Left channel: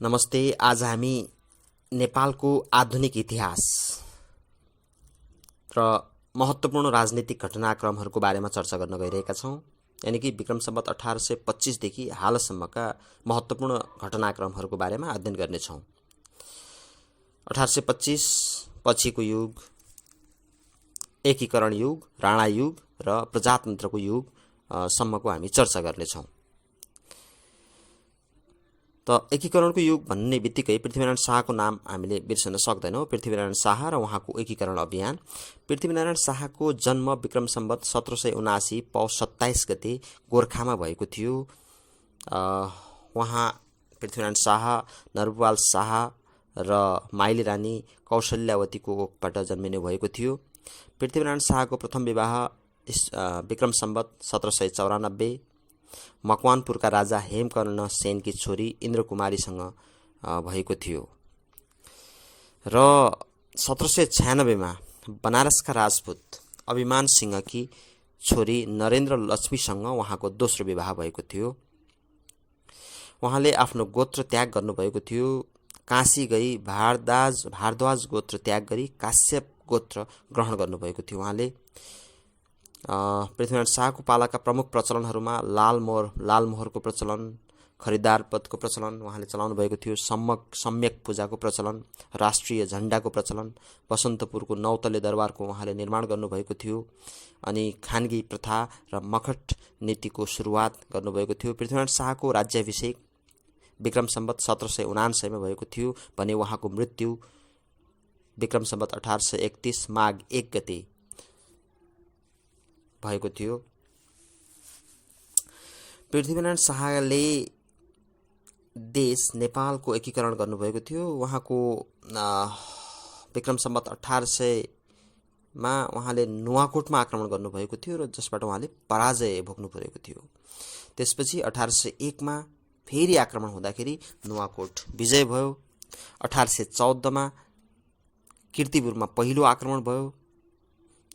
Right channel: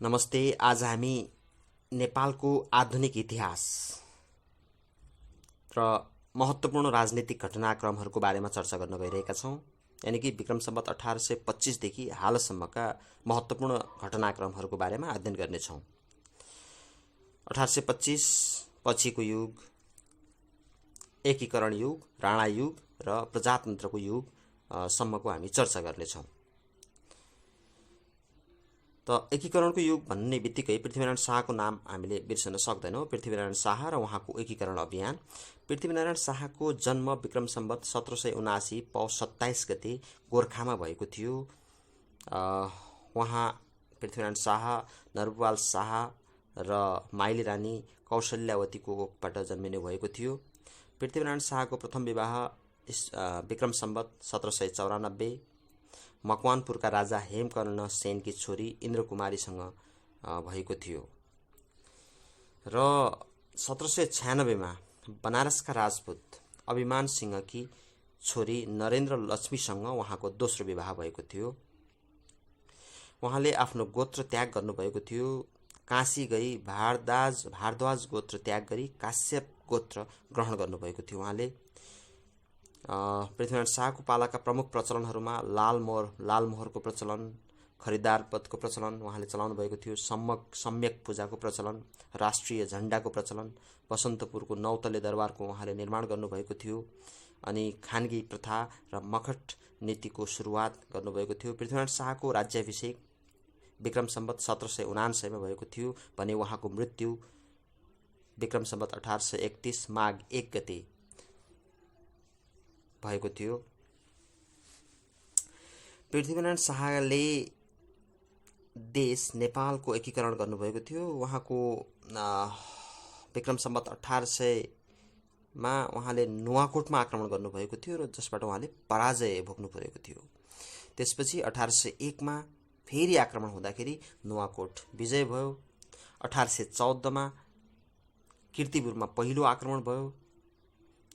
नमस्ते। आज हामी नेपालको आधुनिक इतिहास र महत्त्वपूर्ण राजनीतिक घटनाक्रमहरूको बारेमा चर्चा गर्न गइरहेका छौँ। यानि कि विक्रम सम्वत 1825 देखि हालसम्मका महत्त्वपूर्ण घटनाक्रमहरूको बारेमा अध्ययन गर्नेछौँ। 1825 पछिको युग, एकीकरण युग, राणा युग र प्रजातन्त्रको युग सम्मको हामी चर्चा गर्नेछौँ। त एकीकरणको युग भन्ने बित्तिकै पृथ्वीनारायण शाहको नाम हामीले बिर्सन सक्दैनौँ। पृथ्वीनारायण शाह र उहाँको एकीकरण अभियान। पृथ्वीनारायण शाहको जन्म विक्रम सम्वत 1779 पौष 27 गते गोर्खामा भएको थियो। उहाँ पृथ्वीनारायण शाह, नरबुवाल शाह र माइली रानी कौशल्यावतीको कोखबाट जन्मिने भएको थियो। पृथ्वीनारायण शाहको प्रथम विवाह विक्रम सम्वत 1794 मकवानपुरका राजा हेमकर्ण सेनकी छोरी इन्द्रकुमारीसँग भएको थियो र 1796मा बनारसका राजपूत अभिमान सिंहकी छोरी नरेन्द्र लक्ष्मीसँग उहाँको दोस्रो विवाह भएको थियो। उहाँले आफ्नो गोत्र त्याग गर्नुभएको थियो। काशी गई भारद्वाज गोत्र त्याग गरी काश्यप गोत्र ग्रहण गर्नुभएको थियो। उहाँले पृथ्वीनारायण शाहको पालाका प्रमुख प्रचलनहरूमा लालमोहरको प्रचलन, खरिदार पदको प्रचलन उहाँले चलाउनु भएको थियो। सम्यक पूजाको प्रचलन, राष्ट्रिय झण्डाको प्रचलन, बसन्तपुरको नौतले दरबारको उहाँले निर्माण गर्नुभएको थियो। अनि खानगी प्रथा र मखट नीतिको सुरुवात गर्नुभएको थियो। पृथ्वीनारायण शाहको राज्याभिषेक विक्रम सम्वत 1779 भएको थियो भने उहाँको मृत्यु विक्रम सम्वत 1831 माघ 1 गते भएको थियो। पृथ्वीनारायण शाहले देश नेपालको एकीकरण गर्नुभएको थियो। उहाँको विक्रम सम्वत 1800मा उहाँले नुवाकोटमा आक्रमण गर्नुभएको थियो र जसबाट उहाँले पराजय भोग्नु परेको थियो। त्यसपछि 1801मा फेरि आक्रमण हुँदाखेरि नुवाकोट विजय भयो। 1814मा कीर्तिपुरमा पहिलो आक्रमण भयो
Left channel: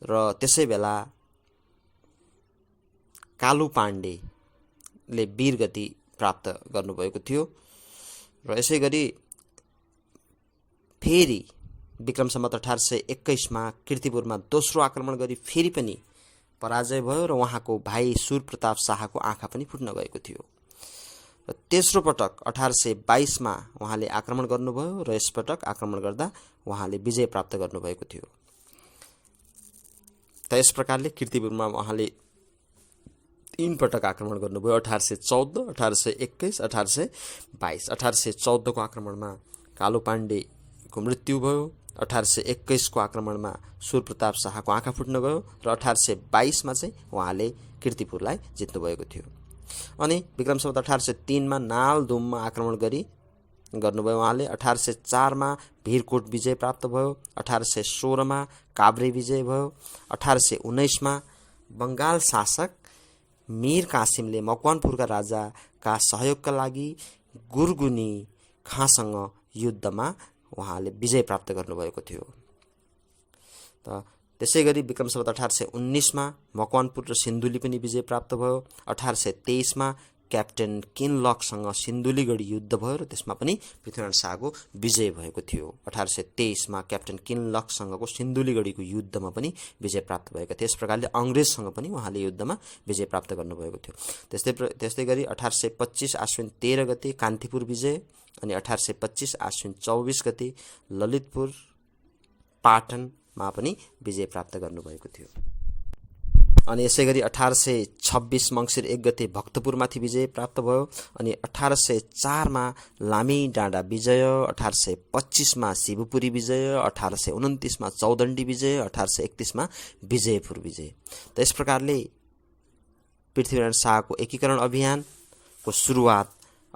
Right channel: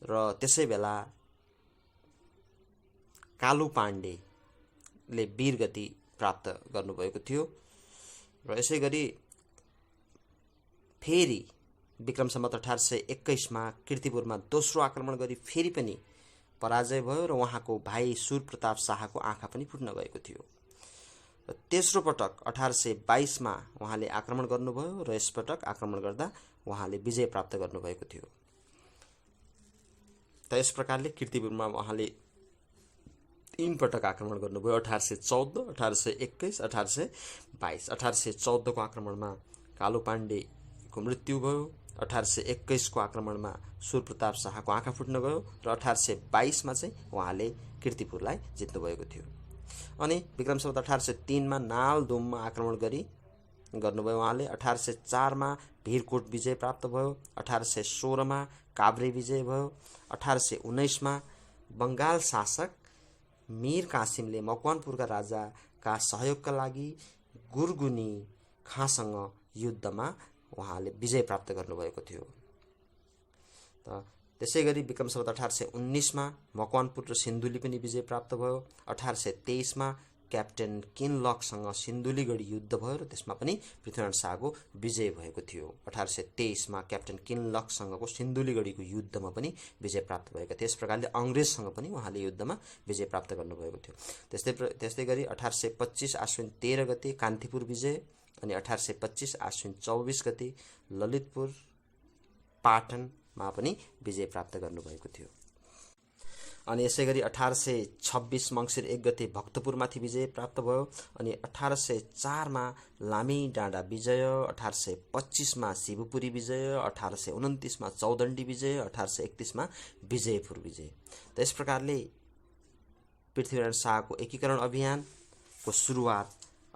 र त्यसै बेला कालु पाण्डेले वीरगति प्राप्त गर्नुभएको थियो र यसै गरी फेरि विक्रम सम्वत 1821मा कीर्तिपुरमा दोस्रो आक्रमण गरी फेरि पनि पराजय भयो र उहाँको भाइ सूरप्रताप शाहको आँखा पनि फुट्न गएको थियो। र तेस्रो पटक 1822मा उहाँले आक्रमण गर्नुभयो र यसपटक आक्रमण गर्दा उहाँले विजय प्राप्त गर्नुभएको थियो। त यस प्रकारले कीर्तिपुरमा उहाँले 3 पटक आक्रमण गर्नुभयो। 1814, 1821, 1822। 1814को आक्रमणमा कालु पाण्डेको मृत्यु भयो। 1821को आक्रमणमा सूरप्रताप शाहको आँखा फुट्न गयो र 1822मा चाहिँ उहाँले कीर्तिपुरलाई जित्नुभएको थियो। अनि विक्रम सम्वत 1803मा नालदुममा आक्रमण गर्नुभयो उहाँले। 1804मा भिरकोट विजय प्राप्त भयो। 1816मा काभ्रे विजय भयो। 1819मा बङ्गाल शासक मीर कासिमले मकवानपुरका राजाका सहयोगका लागि गुरगुनी खाँसँग युद्धमा उहाँले विजय प्राप्त गर्नुभएको थियो। त त्यसै गरी विक्रम सम्वत 1819मा मकवानपुर र सिन्धुली पनि विजय प्राप्त भयो। 1823मा क्याप्टेन किनलकसँग सिन्धुलीगढी युद्ध भयो र त्यसमा पनि पृथ्वीनारायण शाहको विजय भएको थियो। 1823मा क्याप्टेन किनलकसँगको सिन्धुलीगढीको युद्धमा पनि विजय प्राप्त भएको थियो। यस प्रकारले अङ्ग्रेजसँग पनि उहाँले युद्धमा विजय प्राप्त गर्नुभएको थियो। त्यस्तै गरी 1825 आश्विन 13 गते कान्तिपुर विजय, अनि 1825 आश्विन 24 गते ललितपुर पाटनमा पनि विजय प्राप्त गर्नुभएको थियो। अनि यसै गरी 1826 मङ्सिर 1 गते भक्तपुरमाथि विजय प्राप्त भयो। अनि 1804मा लामी डाँडा विजय, 1825मा शिवपुरी विजय, 1829मा चौदण्डी विजय, 1831मा विजयपुर विजय। त यस प्रकारले पृथ्वीनारायण शाहको एकीकरण अभियानको सुरुवात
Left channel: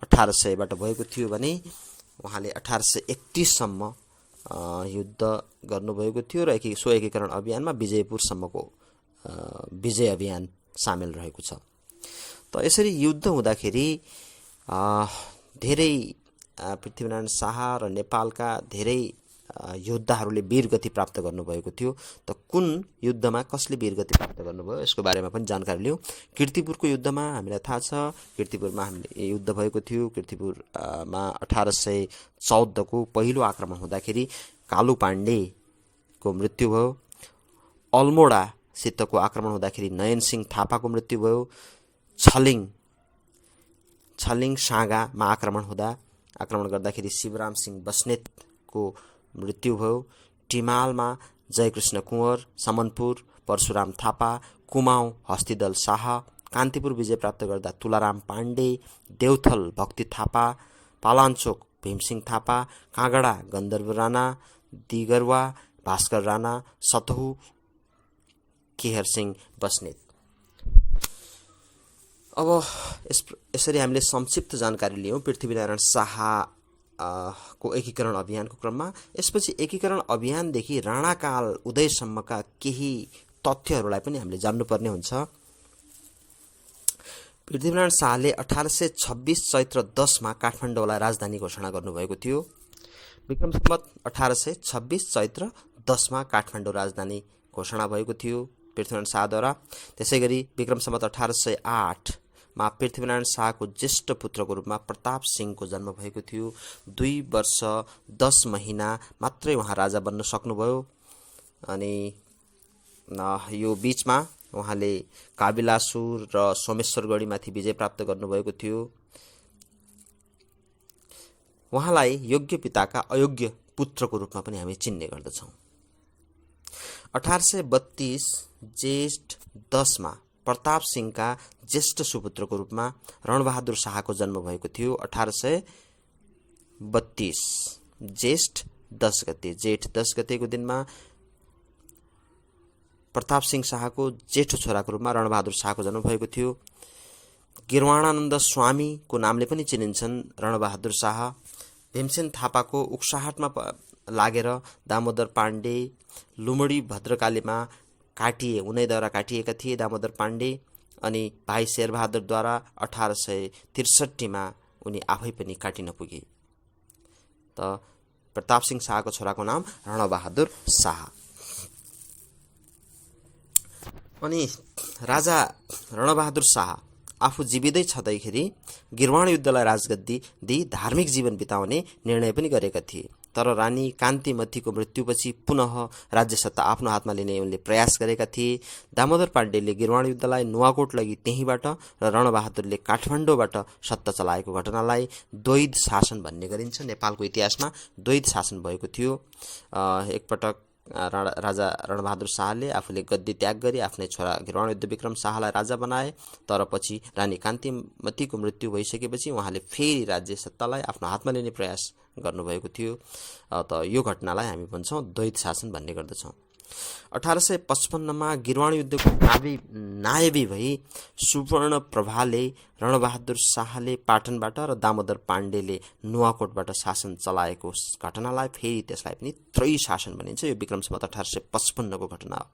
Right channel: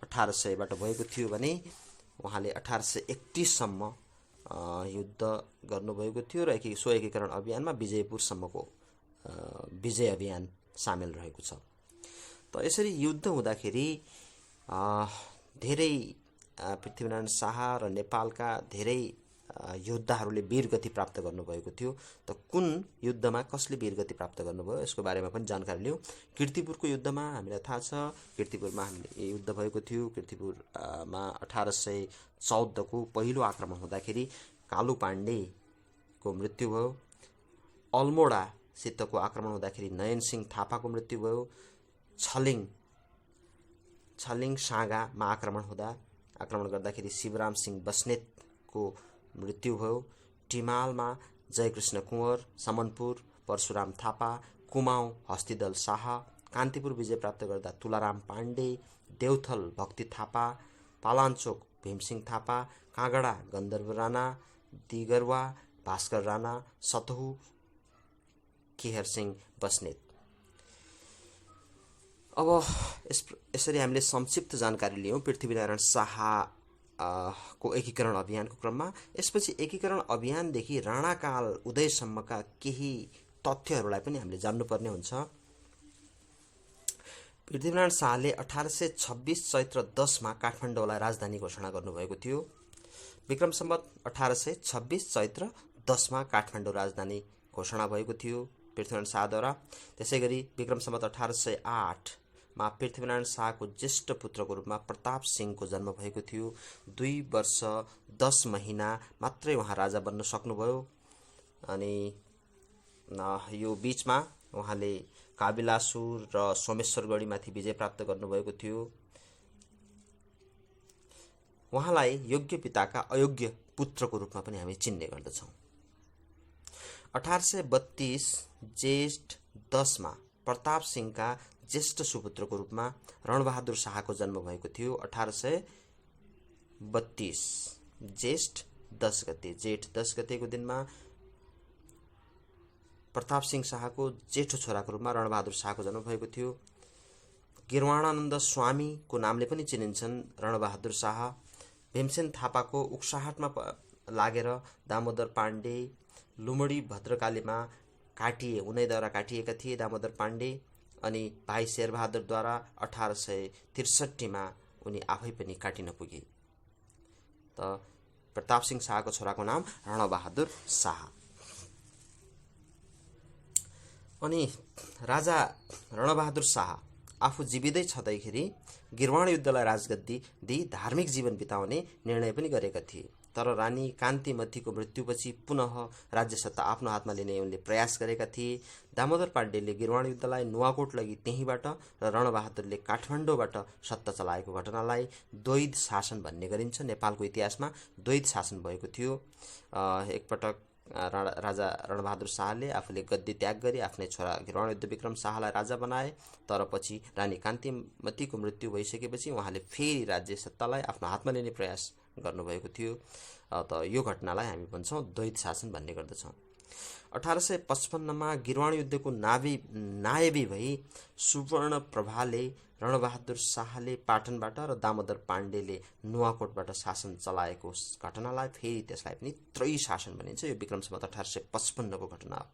1800बाट भएको थियो भने उहाँले 1831सम्म युद्ध गर्नुभएको थियो र सो एकीकरण अभियानमा विजयपुरसम्मको विजय अभियान सामेल रहेको छ। त यसरी युद्ध हुँदाखेरि धेरै पृथ्वीनारायण शाह र नेपालका धेरै योद्धाहरूले वीरगति प्राप्त गर्नुभएको थियो। त कुन युद्धमा कसले वीरगति प्राप्त गर्नुभयो यसको बारेमा पनि जानकारी लियौँ। कीर्तिपुरको युद्धमा हामीलाई थाहा छ, कीर्तिपुरमा हामीले युद्ध भएको थियो। कीर्तिपुरमा 1814को पहिलो आक्रमण हुँदाखेरि कालु पाण्डेको मृत्यु भयो। अल्मोडासितको आक्रमण हुँदाखेरि नयन सिंह थापाको मृत्यु भयो। छलिङ साँगामा आक्रमण गर्दाखेरि शिवराम सिंह बस्नेतको मृत्यु भयो। टिमालमा जयकृष्ण कुँवर, समनपुर परशुराम थापा, कुमाऊँ हस्तिदल शाह, कान्तिपुर विजय प्राप्त गर्दा तुलाराम पाण्डे, देउथल भक्ति थापा, पालाञ्चोक भीमसिंह थापा, काँगडा गन्धर्व राणा, दिगरवा भास्कर राणा, सतहु केहर सिंह बस्नेत। अब यसरी हामीले संक्षिप्त जानकारी लियौँ पृथ्वीनारायण शाह को एकीकरण अभियानको क्रममा। यसपछि एकीकरण अभियानदेखि राणाकाल उदयसम्मका केही तथ्यहरूलाई पनि हामीले जान्नुपर्ने हुन्छ। पृथ्वीनारायण शाहले 1826 चैत्र 10 मा काठमाडौँलाई राजधानी घोषणा गर्नुभएको थियो। विक्रम सम्वत 1826 चैत्र 10 मा काठमाडौँ राजधानी घोषणा भएको थियो पृथ्वीनारायण शाहद्वारा। त्यसैगरी विक्रम सम्वत 1808 मा पृथ्वीनारायण शाहको ज्येष्ठ पुत्रको रूपमा प्रताप सिंहको जन्म भएको थियो। 2 वर्ष 10 महिना मात्रै उहाँ राजा बन्न सक्नुभयो। अनि यो बीचमा उहाँले काबिलासुर र सोमेश्वरगढीमाथि विजय प्राप्त गर्नुभएको थियो। उहाँलाई योग्य पिताका अयोग्य पुत्रको रूपमा पनि हामी चिन्ने गर्दछौँ। 1832 जेठ 10 मा प्रताप सिंहका ज्येष्ठ सुपुत्रको रूपमा रणबहादुर शाहको जन्म भएको थियो। 1832 जेठ 10 गतेको दिनमा प्रताप सिंह शाहको जेठो छोराको रूपमा रणबहादुर शाहको जन्म भएको थियो। गिरवाणानन्द स्वामीको नामले पनि चिनिन्छन् रणबहादुर शाह। भीमसेन थापाको उक्साहटमा लागेर दामोदर पाण्डे लुमडी भद्रकालीमा उनैद्वारा काटिएका थिए दामोदर पाण्डे। अनि भाइ शेरबहादुरद्वारा 1863 मा उनी आफै पनि काटिन पुगे। त प्रताप सिंह शाहको छोराको नाम रणबहादुर शाह। अनि राजा रणबहादुर शाह आफू जीवितै छँदैखेरि गिरवाण युद्धलाई राजगद्दी दिई धार्मिक जीवन बिताउने निर्णय पनि गरेका थिए। तर रानी कान्तिमतीको मृत्युपछि पुनः राज्य सत्ता आफ्नो हातमा लिने उनले प्रयास गरेका थिए। दामोदर पाण्डेले गिरवाण युद्धलाई नुवाकोट लगी त्यहीँबाट र रणबहादुरले काठमाडौँबाट सत्ता चलाएको घटनालाई द्वैध शासन भन्ने गरिन्छ। नेपालको इतिहासमा द्वैध शासन भएको थियो। एकपटक राजा रणबहादुर शाहले आफूले गद्दी त्याग गरी आफ्नै छोरा गिरवाण युद्ध विक्रम शाहलाई राजा बनाए। तर पछि रानी कान्तिमतीको मृत्यु भइसकेपछि उहाँले फेरि राज्य सत्तालाई आफ्नो हातमा लिने प्रयास गर्नुभएको थियो। त यो घटनालाई हामी भन्छौँ द्वैध शासन भन्ने गर्दछौँ। 1855 मा गिरवाण युद्धको नायबी भई सुवर्णप्रभाले रणबहादुर शाहले पाटनबाट र दामोदर पाण्डेले नुवाकोटबाट शासन चलाएको घटनालाई फेरि त्यसलाई पनि त्रयी शासन भनिन्छ। यो विक्रम सम्वत 1855 को घटना हो।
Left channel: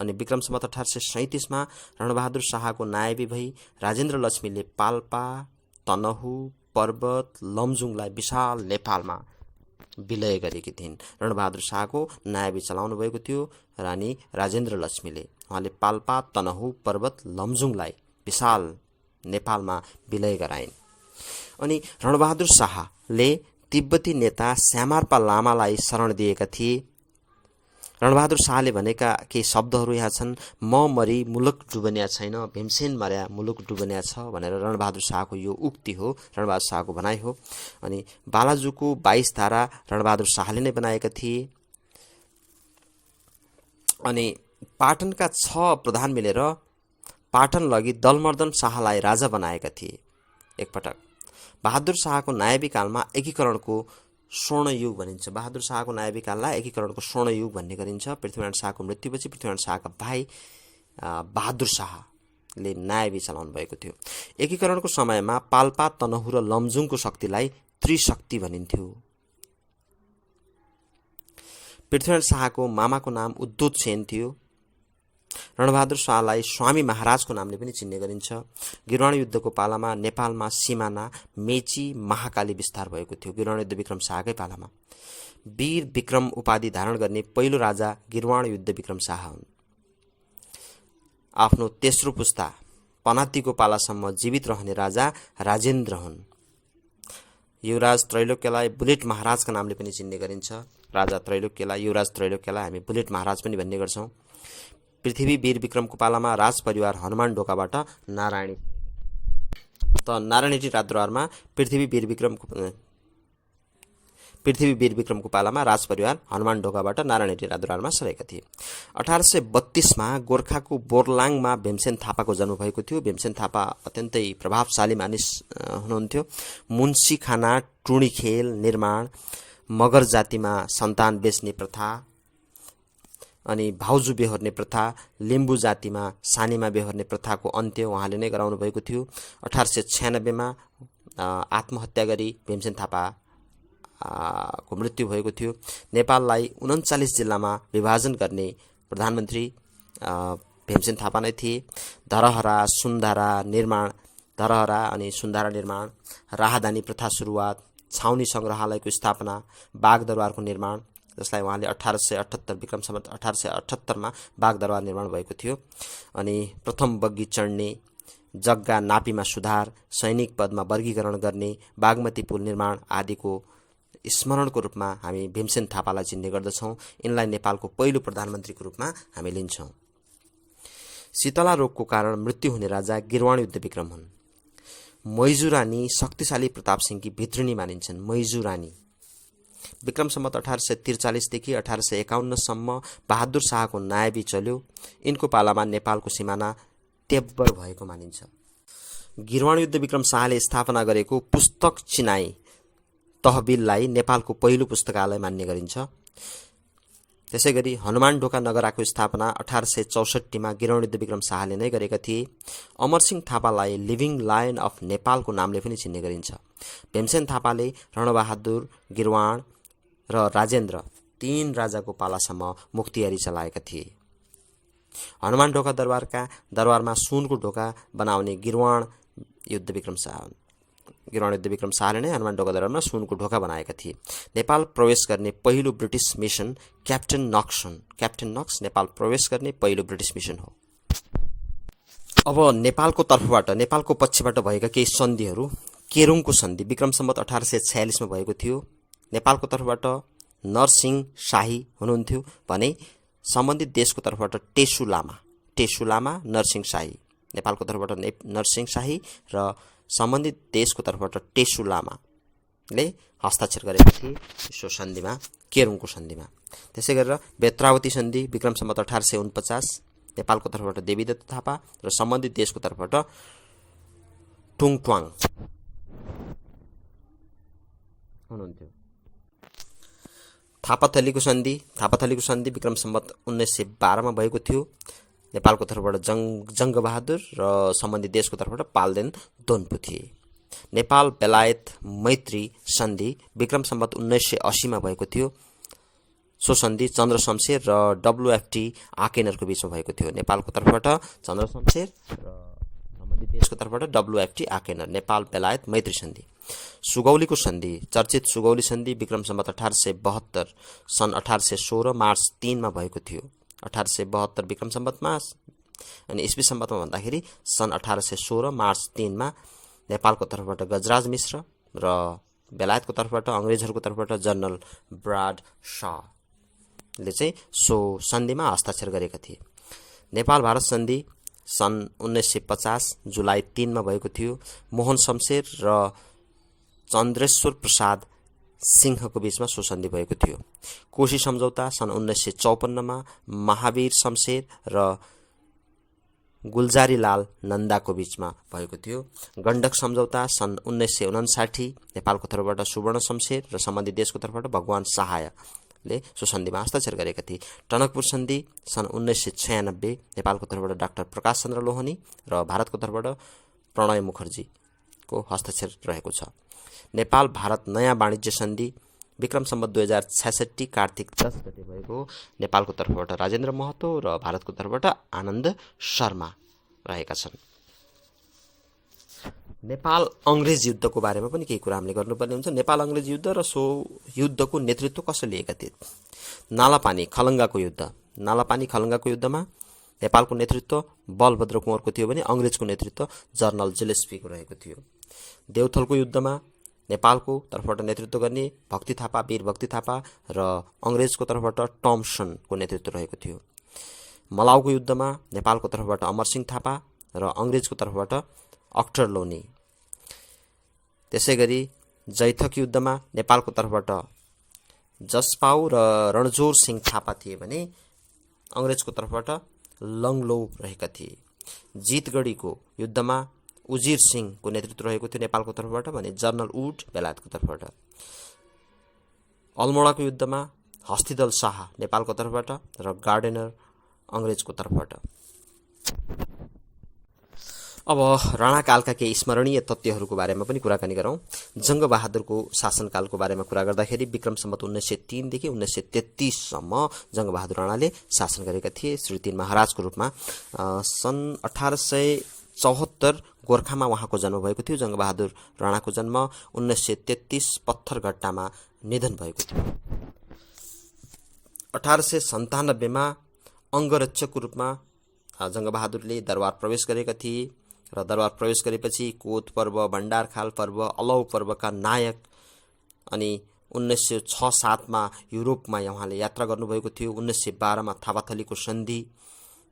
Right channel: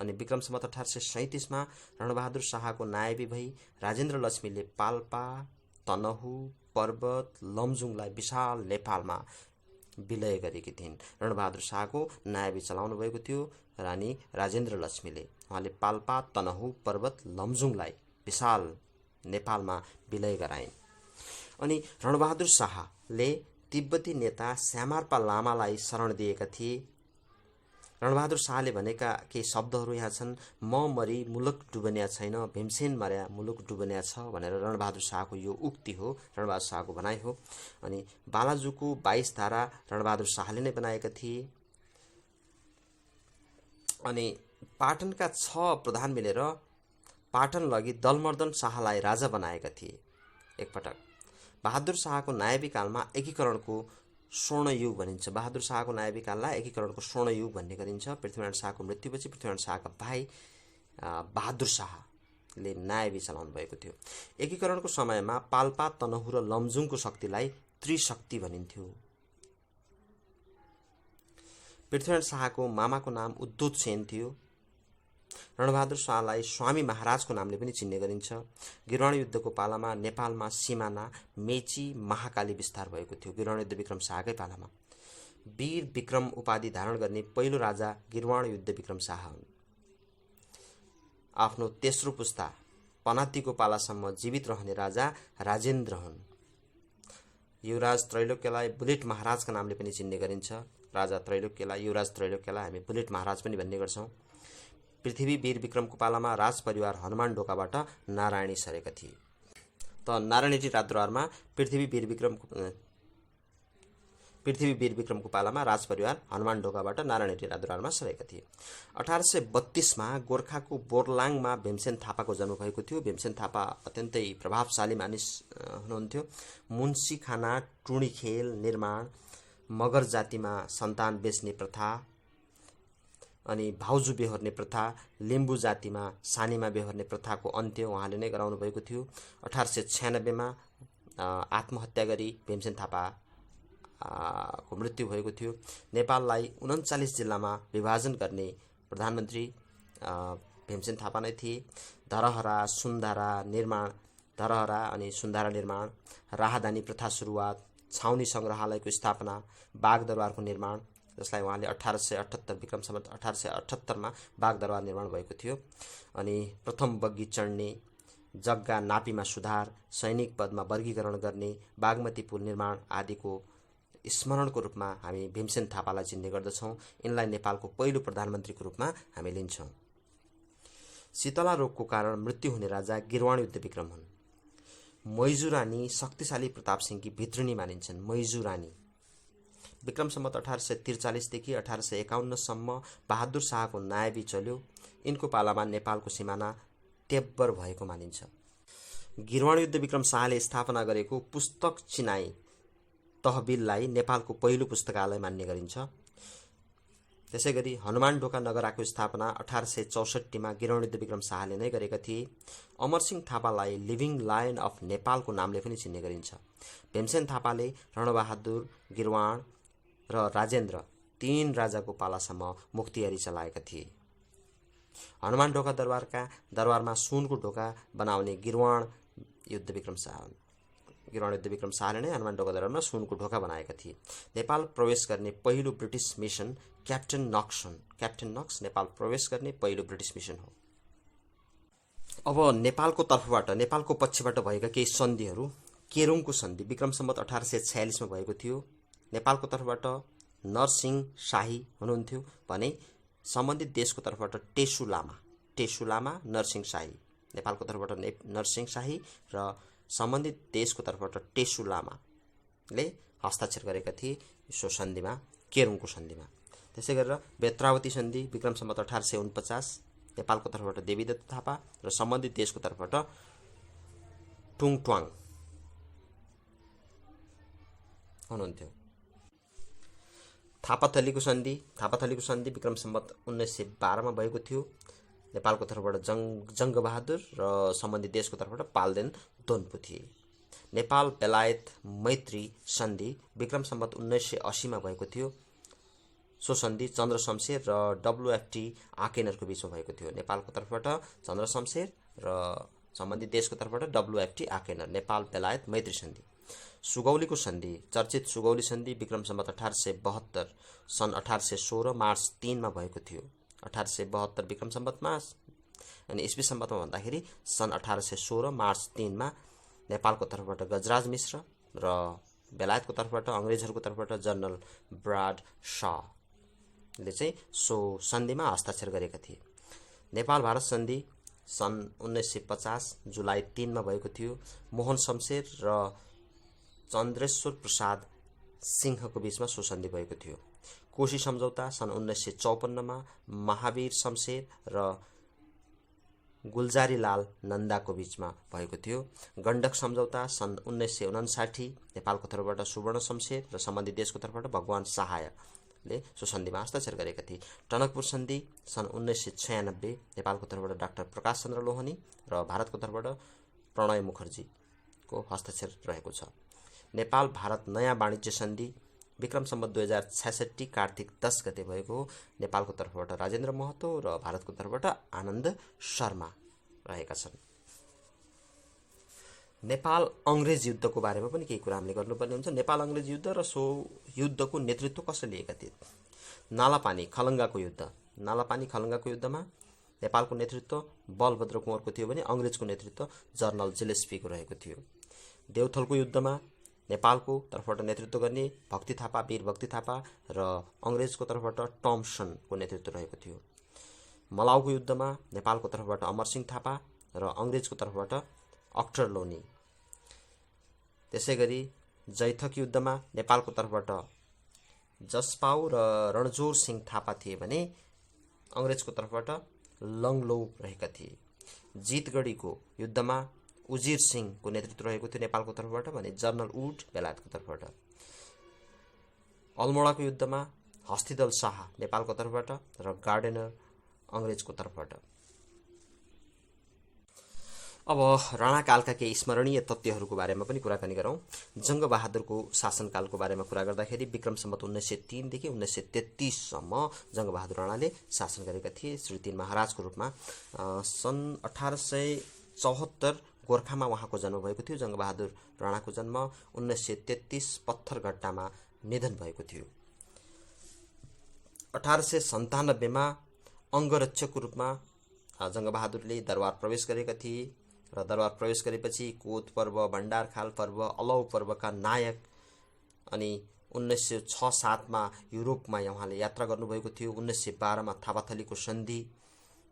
अनि विक्रम सम्वत 1837 मा रणबहादुर शाहको नायबी भई राजेन्द्र लक्ष्मीले पाल्पा, तनहु, पर्वत, लमजुङलाई विशाल नेपालमा विलय गरेकी थिइन्। रणबहादुर शाहको नायबी चलाउनु भएको थियो रानी राजेन्द्र लक्ष्मीले। उहाँले पाल्पा, तनहु, पर्वत, लमजुङलाई विशाल नेपालमा विलय गराइन्। अनि रणबहादुर शाहले तिब्बती नेता श्यामार्पा लामालाई शरण दिएका थिए। रणबहादुर शाहले भनेका केही शब्दहरू यहाँ छन्। म मरी मुलुक डुबन्या छैन, भीमसेन मर्या मुलुक डुबन्या छ भनेर रणबहादुर शाहको यो उक्ति हो, रणबहादुर शाहको भनाइ हो। अनि बालाजुको 22 धारा रणबहादुर शाहले नै बनाएका थिए। अनि पाटनका 6 प्रधान मिलेर पाटन लगी दलमर्दन शाहलाई राजा बनाएका थिए। एकपटक बहादुर शाहको नायबी कालमा एकीकरणको स्वर्णयुग भनिन्छ। बहादुर शाहको नायबी काललाई एकीकरणको स्वर्णयुग भन्ने गरिन्छ। पृथ्वीनारायण शाहको मृत्युपछि पृथ्वीनारायण शाहका भाइ बहादुर शाहले नायबी चलाउनु भएको थियो। एकीकरणको समयमा पाल्पा, तनहु र लमजुङको शक्तिलाई त्रिशक्ति भनिन्थ्यो। पृथ्वीनारायण शाहको मामाको नाम उद्धोत सेन थियो। रणबहादुर शाहलाई स्वामी महाराजको नामले पनि चिन्ने गरिन्छ। गिरवाण युद्धको पालामा नेपालमा सिमाना मेची महाकाली विस्तार भएको थियो। गिरवाण युद्ध विक्रम शाहकै पालामा वीर विक्रम उपाधि धारण गर्ने पहिलो राजा गिरवाण युद्ध विक्रम शाह हुन्। आफ्नो तेस्रो पुस्ता पनातिको पालासम्म जीवित रहने राजा राजेन्द्र हुन्। युवराज त्रैलोक्यलाई बुलेट महाराजका नामले पनि चिन्ने गरिन्छ। राजा त्रैलोक्यलाई, युवराज त्रैलोक्यलाई हामी बुलेट महाराज पनि भन्ने गर्छौँ। पृथ्वी वीर विक्रमको पालामा राजपरिवार हनुमान ढोकाबाट नारायणी सरेका थिए। त नारायणी राजदरबारमा पृथ्वी वीर विक्रमको पालामा राजपरिवार हनुमान ढोकाबाट नारायणी राजदरबारमा सरेका थिए। 1832 गोर्खाको बोर्लाङमा भीमसेन थापाको जन्म भएको थियो। भीमसेन थापा अत्यन्तै प्रभावशाली मानिस हुनुहुन्थ्यो। मुन्सी खाना, टुणी खेल निर्माण, मगर जातिमा सन्तान बेच्ने प्रथा अनि भाउजू बेहोर्ने प्रथा, लिम्बू जातिमा सानीमा बेहोर्ने प्रथाको अन्त्य उहाँले नै गराउनु भएको थियो। 1896 आत्महत्या गरी भीमसेन थापा को मृत्यु भएको थियो। नेपाललाई 39 जिल्लामा विभाजन गर्ने प्रधानमन्त्री भीमसेन थापा नै थिए। धरहरा अनि सुन्धारा निर्माण, राहदानी प्रथा सुरुवात, छाउनी सङ्ग्रहालयको स्थापना, बागदरबारको निर्माण, जसलाई उहाँले 1878 विक्रम सम्वत 1878 बागदरबार निर्माण भएको थियो। अनि प्रथम बग्गी चढ्ने, जग्गा नापीमा सुधार, सैनिक पदमा वर्गीकरण गर्ने, बागमती पुल निर्माण आदिको स्मरणको रूपमा हामी भीमसेन थापालाई चिन्ने गर्दछौँ। यिनलाई नेपालको पहिलो प्रधानमन्त्रीको रूपमा हामी लिन्छौँ। शीतला रोगको कारण मृत्यु हुने राजा गिरवाण युद्ध विक्रम हुन्। मैजू रानी शक्तिशाली प्रताप सिंहकी भित्रिनी मानिन्छन्। मैजू रानी विक्रम सम्वत 1843 देखि 1851 सम्म बहादुर शाहको नायबी चल्यो। यिनको पालामा नेपालको सिमाना तेब्बर भएको मानिन्छ। गिरवाण युद्ध विक्रम शाहले स्थापना गरेको पुस्तक चिनाई तहबिललाई नेपालको पहिलो पुस्तकालय मान्ने गरिन्छ। त्यसैगरी हनुमान ढोका नगराको स्थापना 1864 गिरवाण युद्ध विक्रम शाहले नै गरेका थिए। अमरसिंह थापालाई लिभिङ लायन अफ नेपालको नामले पनि चिन्ने गरिन्छ। भीमसेन थापाले रणबहादुर, गिरवाण र राजेन्द्र 3 राजाको पालासम्म मुख्तियारी चलाएका थिए। हनुमान ढोका दरबारमा सुनको ढोका बनाउने गिरवाण युद्ध विक्रम शाहले नै हनुमान ढोका दरबारमा सुनको ढोका बनाएका थिए। नेपाल प्रवेश गर्ने पहिलो ब्रिटिस मिसन क्याप्टेन नक्स नेपाल प्रवेश गर्ने पहिलो ब्रिटिस मिसन हो। अब नेपालको पक्षबाट भएका केही सन्धिहरू। केरुङको सन्धि विक्रम सम्वत 1846 भएको थियो। नेपालको तर्फबाट नरसिंह शाही हुनुहुन्थ्यो भने सम्बन्धित देशको तर्फबाट टेसु लामा नरसिंह शाही, नेपालको तर्फबाट नरसिंह शाही र सम्बन्धित देशको तर्फबाट टेसु लामाले हस्ताक्षर गरेका थिए सो सन्धिमा, केरुङको सन्धिमा। त्यसै गरेर बेत्रावती सन्धि विक्रम सम्वत 1849 नेपालको तर्फबाट देवीदत्त थापा र सम्बन्धित देशको तर्फबाट टुङट्वाङ हुनुहुन्थ्यो। थापाथलीको सन्धि विक्रम सम्वत 1912 भएको थियो। नेपालको तर्फबाट जङ्गबहादुर र सम्बन्धित देशको तर्फबाट पाल्देन दोन्पु थिए। नेपाल बेलायत मैत्री सन्धि विक्रम सम्वत 1980 भएको थियो। सो सन्धि चन्द्र शमशेर र WFT आकेनरको बीचमा भएको थियो। नेपालको तर्फबाट चन्द्र शमशेर र सम्बन्धित देशको तर्फबाट WFT आकेनर, नेपाल बेलायत मैत्री सन्धि। सुगौलीको सन्धि, चर्चित सुगौली सन्धि विक्रम सम्वत 1872 सन् 1816 मार्च 3 भएको थियो। 1872 विक्रम सम्वतमा अनि ईस्वी सम्वतमा भन्दाखेरि सन् 1816 मार्च 3 नेपालको तर्फबाट गजराज मिश्र र बेलायतको तर्फबाट अङ्ग्रेजहरूको तर्फबाट जनरल ब्राड शाहले चाहिँ सो सन्धिमा हस्ताक्षर गरेका थिए। नेपाल भारत सन्धि सन् 1950 जुलाई 3 भएको थियो। मोहन शमशेर र चन्द्रेश्वर प्रसाद सिंहको बीचमा सो सन्धि भएको थियो। कोशी सम्झौता सन् 1954 महावीर शमशेर र गुलजारीलाल नन्दाको बीचमा भएको थियो। गण्डक सम्झौता सन् 1959 नेपालको तर्फबाट सुवर्ण शमशेर र सम्बन्धित देशको तर्फबाट भगवान सहायले सो सन्धिमा हस्ताक्षर गरेका थिए। टनकपुर सन्धि सन् 1996 नेपालको तर्फबाट डाक्टर प्रकाश चन्द्र लोहनी र भारतको तर्फबाट प्रणय मुखर्जीको हस्ताक्षर रहेको छ। नेपाल भारत नयाँ वाणिज्य सन्धि विक्रम सम्वत 2066 कार्तिक 10 गते भएको। नेपालको तर्फबाट राजेन्द्र महतो र भारतको तर्फबाट आनन्द शर्मा रहेका छन्। नेपाल अङ्ग्रेज युद्धको बारेमा पनि केही कुरा हामीले गर्नुपर्ने हुन्छ। नेपाल अङ्ग्रेज युद्ध र सो युद्धको नेतृत्व कसले लिएका थिए? नालापानी खलङ्गाको युद्ध। नालापानी खलङ्गाको युद्धमा नेपालको नेतृत्व बलभद्र कुँवरको थियो भने अङ्ग्रेजको नेतृत्व जनरल जिलेस्पीको रहेको थियो। देउथलको युद्धमा नेपालको तर्फबाट नेतृत्व गर्ने भक्ति थापा, वीर भक्ति थापा र अङ्ग्रेजको तर्फबाट टम्सनको नेतृत्व रहेको थियो। मलाउको युद्धमा नेपालको तर्फबाट अमरसिंह थापा र अङ्ग्रेजको तर्फबाट अख्तर लोनी। त्यसै गरी जैथक युद्धमा नेपालको तर्फबाट जसपाउ र रणजोर सिंह थापा थिए भने अङ्ग्रेजको तर्फबाट लङ्लो रहेका थिए। जितगढीको युद्धमा उजिर सिंहको नेतृत्व रहेको थियो नेपालको तर्फबाट भने जनरल वुड बेलायतको तर्फबाट। अल्मोडाको युद्धमा हस्तिदल शाह नेपालको तर्फबाट र गार्डेनर अङ्ग्रेजको तर्फबाट। अब राणाकालका केही स्मरणीय तथ्यहरूको बारेमा पनि कुराकानी गरौँ। जङ्गबहादुरको शासनकालको बारेमा कुरा गर्दाखेरि विक्रम सम्वत 1903 देखि 1933 सम्म जङ्गबहादुर राणाले शासन गरेका थिए श्री 3 महाराजको रूपमा। सन् 1874 गोर्खामा उहाँको जन्म भएको थियो। जङ्गबहादुर राणाको जन्म 1933 पत्थरघट्टामा निधन भएको थियो। 1897 मा अङ्गरक्षकको रूपमा जङ्गबहादुरले दरबार प्रवेश गरेका थिए र दरबार प्रवेश गरेपछि कोत पर्व, भण्डारखाल पर्व, अलौ पर्वका नायक अनि 1906-07 मा युरोपमा उहाँले यात्रा गर्नुभएको थियो। 1912 मा थापाथलीको सन्धि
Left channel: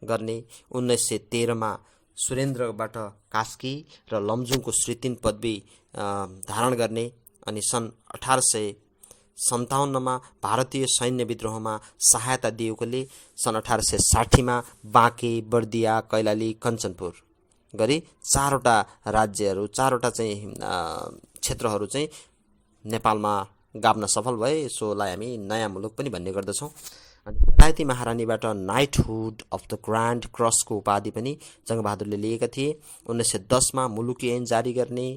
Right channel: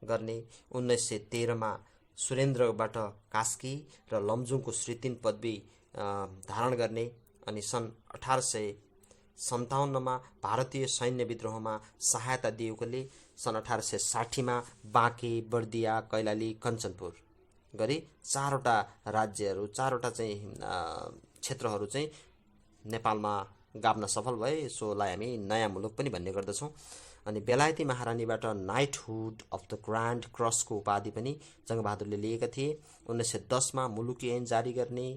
गर्ने, 1913 मा सुरेन्द्रबाट कास्की र लमजुङको श्री 3 पदवी धारण गर्ने अनि सन् 1857 मा भारतीय सैन्य विद्रोहमा सहायता दिएकोले सन् 1860 मा बाँके, बर्दिया, कैलाली, कञ्चनपुर गरी 4वटा राज्यहरू, 4वटा चाहिँ क्षेत्रहरू चाहिँ नेपालमा गाभ्न सफल भए। यसोलाई हामी नयाँ मुलुक पनि भन्ने गर्दछौँ। अनि बेलायती महारानीबाट नाइटहुड अफ द ग्रान्ड क्रसको उपाधि पनि जङ्गबहादुरले लिएका थिए। 1910 मा मुलुकी ऐन जारी गर्ने,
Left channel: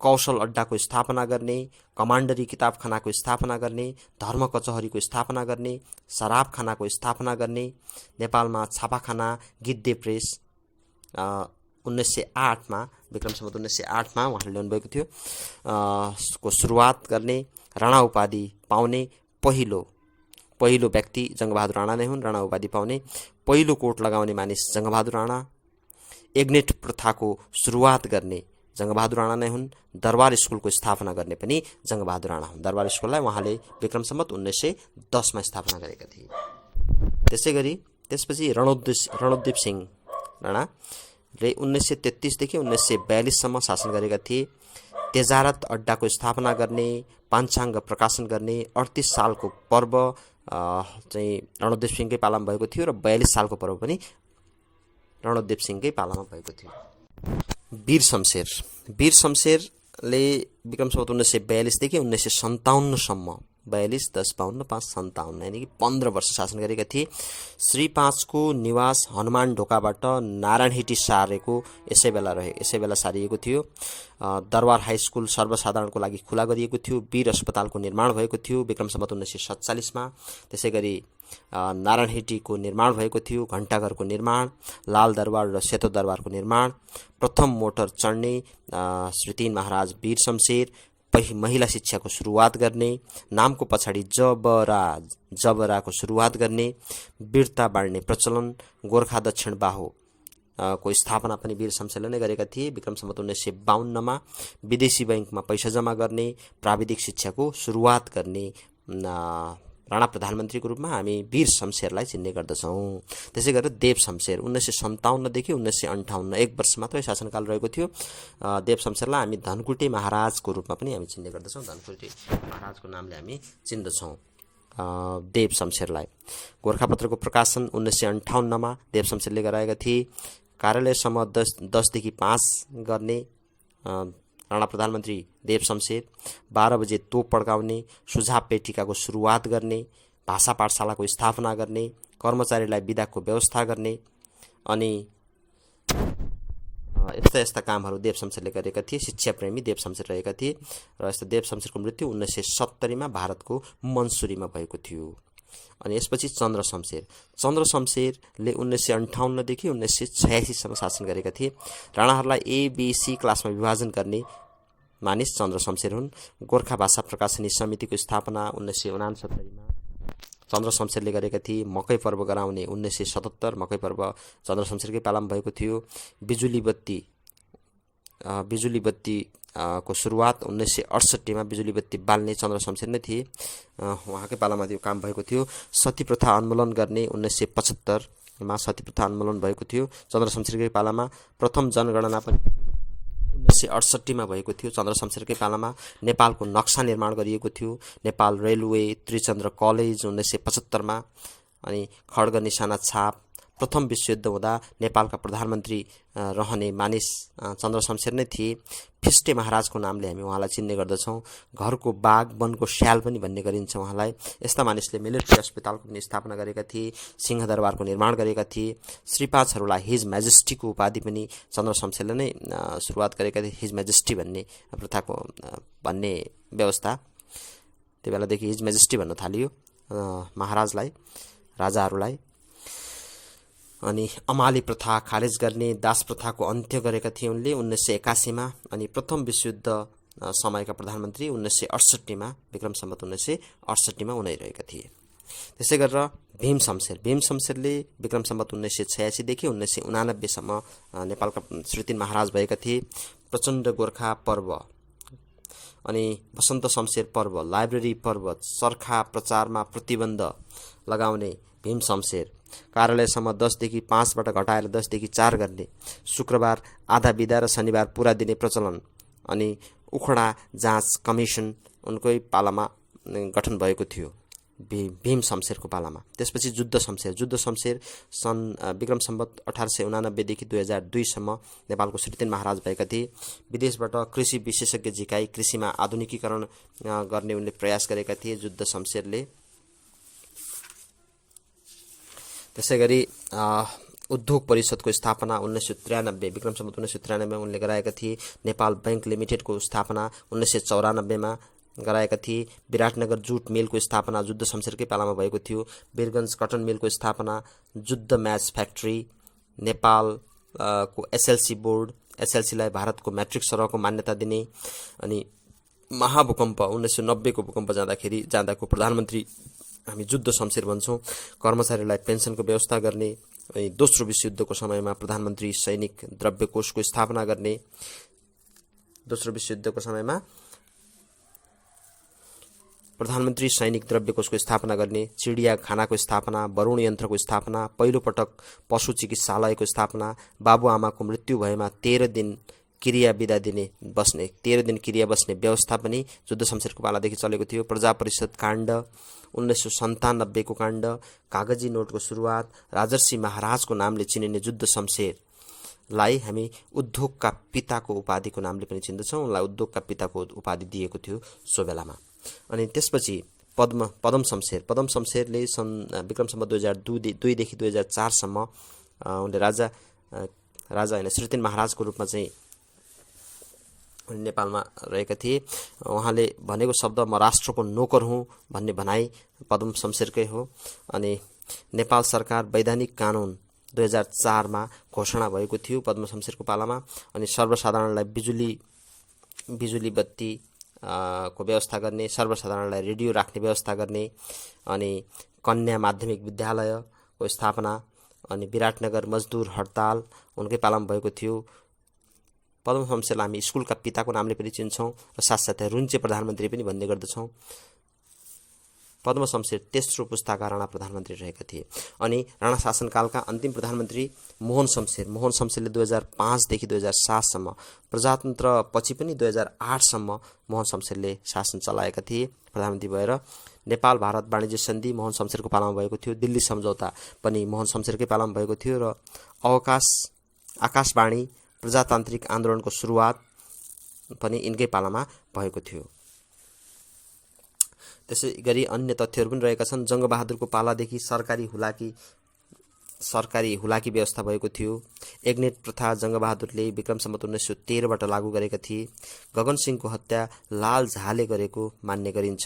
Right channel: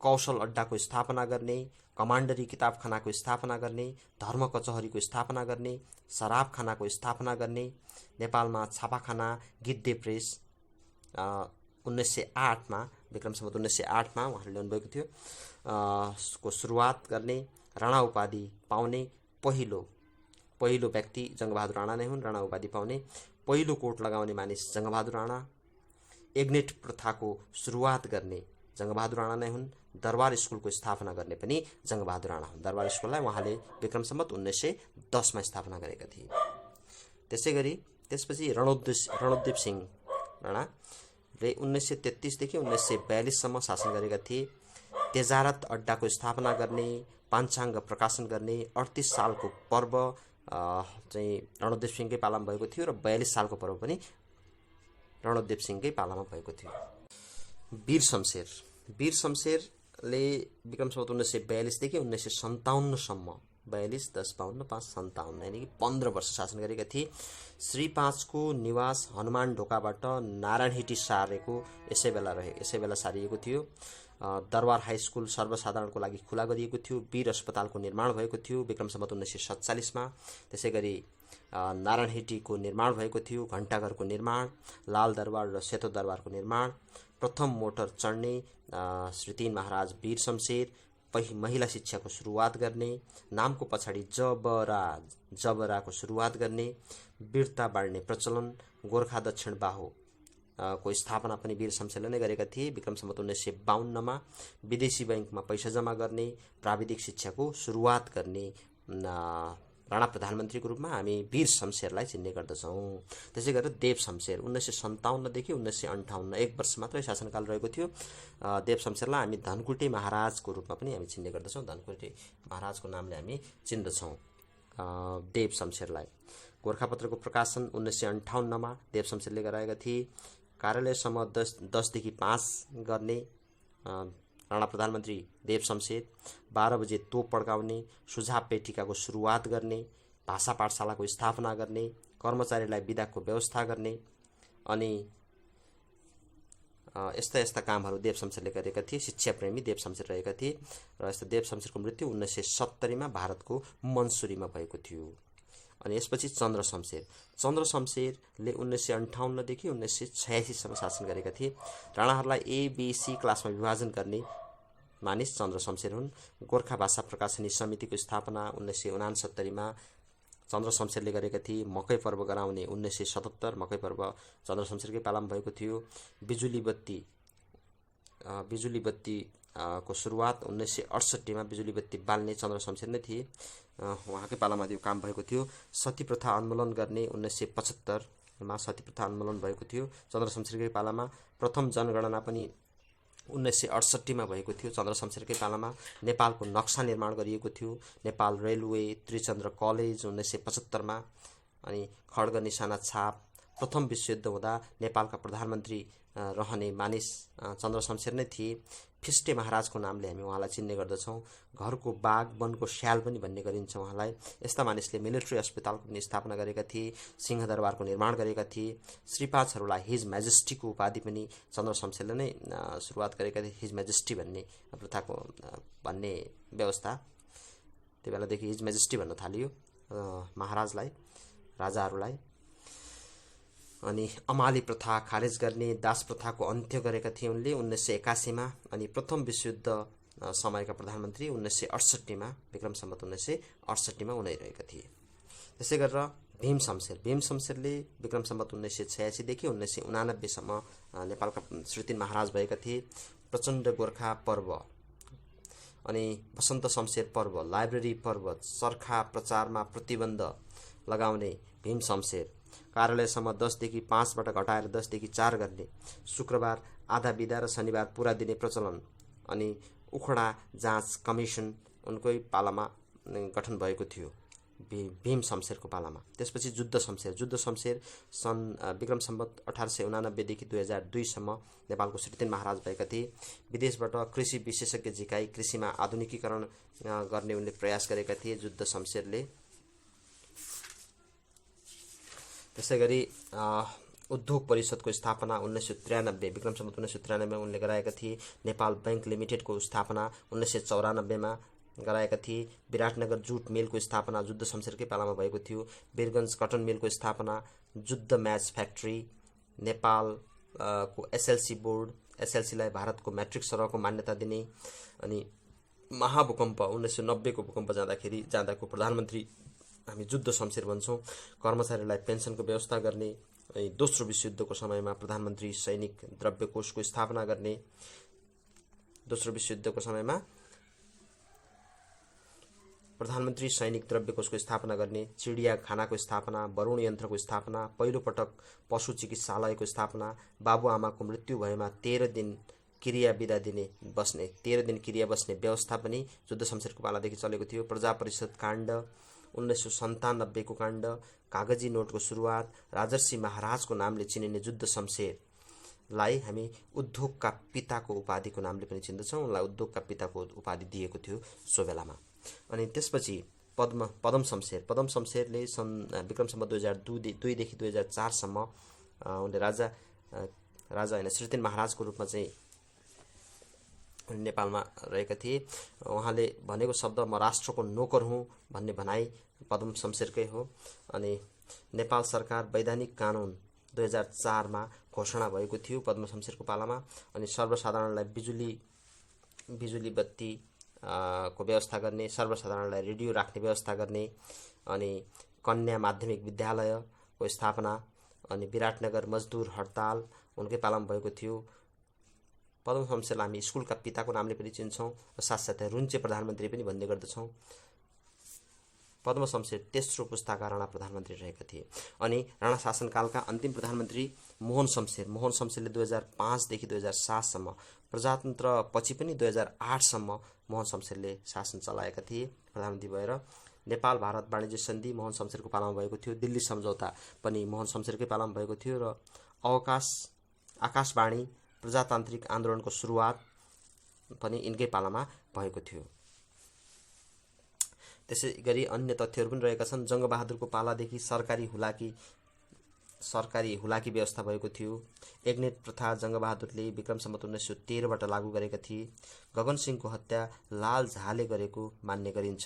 कौशल अड्डाको स्थापना गर्ने, कमान्डरी किताबखानाको स्थापना गर्ने, धर्म कचहरीको स्थापना गर्ने, शराबखानाको स्थापना गर्ने, नेपालमा छापाखाना गिद्धे प्रेस 1908 मा विक्रम सम्वत 1908 मा उहाँले ल्याउनुभएको थियो को सुरुवात गर्ने, राणा उपाधि पाउने पहिलो व्यक्ति जङ्गबहादुर राणा नै हुन्। राणा उपाधि पाउने पहिलो कोट लगाउने मानिस जङ्गबहादुर राणा। एग्नेट प्रथाको सुरुवात गर्ने जङ्गबहादुर राणा नै हुन्। दरबार स्कुलको स्थापना गर्ने पनि जङ्गबहादुर राणा हुन्। दरबार स्कुललाई उहाँले विक्रम सम्वत 1910 मा स्थापना गरेका थिए। त्यसपछि रणोद्दीप सिंह राणाले 1933 देखि 1942 सम्म शासन गरेका थिए। तेजारत अड्डाको स्थापना गर्ने, पाञ्चाङ्ग प्रकाशन गर्ने, 38 सालको पर्व चाहिँ रणोद्दीप सिंहकै पालामा भएको थियो र 42 सालको पर्व पनि रणोद्दीप सिंहकै पालामा भएको थियो। वीर शमशेरले विक्रम सम्वत 1942 देखि 1957 सम्म 42, 10, 52, 5, 57 यानि कि 15 वर्ष शासन गरेका थिए। श्री 5 को निवास हनुमान ढोकाबाट नारायणहिटी सारेको यसै बेला सारिएको थियो। दरबार हाई स्कुल सर्वसाधारणको लागि खुला गरिएको थियो। वीर अस्पतालको निर्माण भएको थियो विक्रम सम्वत 1947 मा। त्यसै गरी नारायणहिटीको निर्माण भएको थियो। घण्टाघरको निर्माण, लाल दरबार र सेतो दरबारको निर्माण, प्रथम मोटर चढ्ने श्री 3 महाराज वीर शमशेर, महिला शिक्षाको सुरुवात गर्ने, नामको पछाडि जबराको सुरुवात गर्ने, वीरता बाँड्ने प्रचलन, गोर्खा दक्षिण बाहु को स्थापना पनि वीर शमशेरले नै गरेका थिए। विक्रम सम्वत 1952 मा विदेशी बैंकमा पैसा जम्मा गर्ने, प्राविधिक शिक्षाको सुरुवात गर्ने राणा प्रधानमन्त्रीको रूपमा हामी वीर शमशेरलाई चिन्ने गर्दछौँ। त्यसै गरेर देव शमशेर 1957 देखि 1958 1 वर्ष मात्रै शासनकाल रहेको थियो। देव शमशेरलाई हामी धनकुटे महाराजको रूपमा पनि हामी चिन्ने गर्दछौँ। धनकुटे महाराजको नामले हामी चिन्दछौँ देव शमशेरलाई। गोर्खापत्रको प्रकाशन 1958 मा देव शमशेरले गराएका थिए। कार्यालयसम्म 10 देखि 5 गर्ने राणा प्रधानमन्त्री देव शमशेर। 12 बजे तोप पड्काउने, सुझाव पेटिकाको सुरुवात गर्ने, भाषा पाठशालाको स्थापना गर्ने, कर्मचारीलाई बिदाको व्यवस्था गर्ने अनि यस्ता कामहरू देव शमशेरले गरेका थिए। शिक्षा प्रेमी देव शमशेर रहेका थिए र यस्तो देव शमशेरको मृत्यु 1970 मा भारतको मन्सुरीमा भएको थियो। अनि यसपछि चन्द्र शमशेरले 1958 देखि 1986 सम्म शासन गरेका थिए। राणाहरूलाई ABC क्लासमा विभाजन गर्ने मानिस चन्द्र शमशेर हुन्। गोर्खा भाषा प्रकाशनी समितिको स्थापना 1969 मा चन्द्र शमशेरले गरेका थिए। मकै पर्व गराउने 1977 मकै पर्व चन्द्र शमशेरकै पालामा भएको थियो। बिजुली बत्ती को सुरुवात 1968 मा बिजुली बत्ती बाल्ने चन्द्र शमशेर नै थिए, उहाँकै पालामा त्यो काम भएको थियो। सती प्रथा उन्मूलन गर्ने 1975 मा सती प्रथा उन्मूलन भएको थियो चन्द्र शमशेरकै पालामा। प्रथम जनगणना पनि 1968 मा भएको थियो चन्द्र शमशेरकै पालामा। नेपालको नक्सा निर्माण गरिएको थियो। नेपाल रेलवे, त्रिचन्द्र कलेज 1975 मा। अनि खड्ग निशाना छाप। प्रथम विश्वयुद्ध हुँदा नेपालका प्रधानमन्त्री रहने मानिस चन्द्र शमशेर नै थिए। फिस्टे महाराजको नामले हामी उहाँलाई चिन्ने गर्दछौँ। घरको बाघ, वनको स्याल पनि भन्ने गरिन्छ उहाँलाई। यस्ता मानिसले मिलिट्री अस्पतालको पनि स्थापना गरेका थिए, सिंहदरबारको निर्माण गरेका थिए। श्रीपादहरूलाई हिज म्याजेस्टीको उपाधि पनि चन्द्र शमशेरले नै सुरुवात गरेका थिए। हिज म्याजेस्टी भन्ने प्रथाको भन्ने व्यवस्था त्यो बेलादेखि हिज म्याजेस्टी भन्न थालियो महाराजलाई, राजाहरूलाई। अनि अमाली प्रथा खारेज गर्ने, दास प्रथाको अन्त्य गरेका थिए उनले 1981 मा। अनि प्रथम विश्वयुद्ध समयका प्रधानमन्त्री 1968 मा, विक्रम सम्वत 1968 मा उनी रहेका थिए। त्यसै गरेर भीम शमशेरले विक्रम सम्वत 1986 देखि 1989 सम्म नेपालका श्री 3 महाराज भएका थिए। प्रचण्ड गोर्खा पर्व अनि वसन्त शमशेर पर्व, लाइब्रेरी पर्व, चर्खा प्रचारमा प्रतिबन्ध लगाउने भीम शमशेर, कार्यालयसम्म 10 देखि 5 बाट घटाएर 10 देखि 4 गर्ने, शुक्रबार आधा बिदा र शनिबार पुरा दिने प्रचलन, अनि उखडा जाँच कमिसन उनकै पालामा गठन भएको थियो भीम शमशेरको पालामा। त्यसपछि जुद्ध शमशेर सन् विक्रम सम्वत 1889 देखि 2002 सम्म नेपालको श्री 3 महाराज भएका थिए। विदेशबाट कृषि विशेषज्ञ झिकाई कृषिमा आधुनिकीकरण गर्ने उनले प्रयास गरेका थिए जुद्ध शमशेरले। त्यसै गरी उद्योग परिषदको स्थापना 1993 विक्रम सम्वत 1993 मा उनले गराएका थिए। नेपाल बैंक लिमिटेडको स्थापना 1994 मा गराएका थिए। विराटनगर जुट मिलको स्थापना जुद्ध शमशेरकै पालामा भएको थियो। वीरगञ्ज कटन मिलको स्थापना, जुद्ध म्याच फ्याक्ट्री, नेपाल को एसएलसी बोर्ड, एसएलसीलाई भारतको म्याट्रिक सरहको मान्यता दिने, अनि महाभूकम्प 1990 को भूकम्प जाँदाको प्रधानमन्त्री हामी जुद्ध शमशेर भन्छौँ। कर्मचारीलाई पेन्सनको व्यवस्था गर्ने, दोस्रो विश्वयुद्धको समयमा प्रधानमन्त्री सैनिक द्रव्य कोषको स्थापना गर्ने, दोस्रो विश्वयुद्धको समयमा प्रधानमन्त्री सैनिक द्रव्य कोषको स्थापना गर्ने, चिडियाखानाको स्थापना, वरुण यन्त्रको स्थापना, पहिलो पटक पशु चिकित्सालयको स्थापना, बाबुआमाको मृत्यु भएमा 13 दिन क्रिया बिदा दिने बस्ने 13 दिन क्रिया बस्ने व्यवस्था पनि जुद्ध शमशेरको पालादेखि चलेको थियो। प्रजा परिषद काण्ड 1997 को काण्ड, कागजी नोटको सुरुवात, राजर्षि महाराजको नामले चिनिने जुद्ध शमशेरलाई हामी उद्योगका पिताको उपाधिको नामले पनि चिन्दछौँ। उनलाई उद्योगका पिताको उपाधि दिएको थियो सो बेलामा। अनि त्यसपछि पदम शमशेरले सन् विक्रम सम्वत 2002 देखि 2004 सम्म उनले राजा होइन श्री 3 महाराजको रूपमा चाहिँ नेपालमा रहेका थिए। उहाँले भनेको शब्द म राष्ट्रको नोकर हुँ भन्ने भनाइ पदम शमशेरकै हो। अनि नेपाल सरकार वैधानिक कानुन 2004 मा घोषणा भएको थियो पद्म शमशेरको पालामा। अनि सर्वसाधारणलाई बिजुली बत्ती को व्यवस्था गर्ने, सर्वसाधारणलाई रेडियो राख्ने व्यवस्था गर्ने, अनि कन्या माध्यमिक विद्यालयको स्थापना, अनि विराटनगर मजदुर हडताल उनकै पालामा भएको थियो। पद्म शमशेरलाई हामी स्कुलका पिताको नामले पनि चिन्छौँ र साथसाथै रुन्चे प्रधानमन्त्री पनि भन्ने गर्दछौँ। पद्म शमशेर तेस्रो पुस्ताका राणा प्रधानमन्त्री रहेका थिए। अनि राणा शासनकालका अन्तिम प्रधानमन्त्री मोहन शमशेरले 2005 देखि 2007 सम्म, प्रजातन्त्र पछि पनि 2008 सम्म मोहन शमशेरले शासन चलाएका थिए प्रधानमन्त्री भएर। नेपाल भारत वाणिज्य सन्धि मोहन शमशेरको पालामा भएको थियो। दिल्ली सम्झौता पनि मोहन शमशेरकै पालामा भएको थियो र आकाशवाणी प्रजातान्त्रिक आन्दोलनको सुरुवात पनि यिनकै पालामा भएको थियो। त्यसै गरी अन्य तथ्यहरू पनि रहेका छन्। जङ्गबहादुरको पालादेखि सरकारी हुलाकी व्यवस्था भएको थियो। एग्नेट प्रथा जङ्गबहादुरले विक्रम सम्वत 1913 बाट लागू गरेका थिए। गगन सिंहको हत्या लाल झाले गरेको मान्ने गरिन्छ।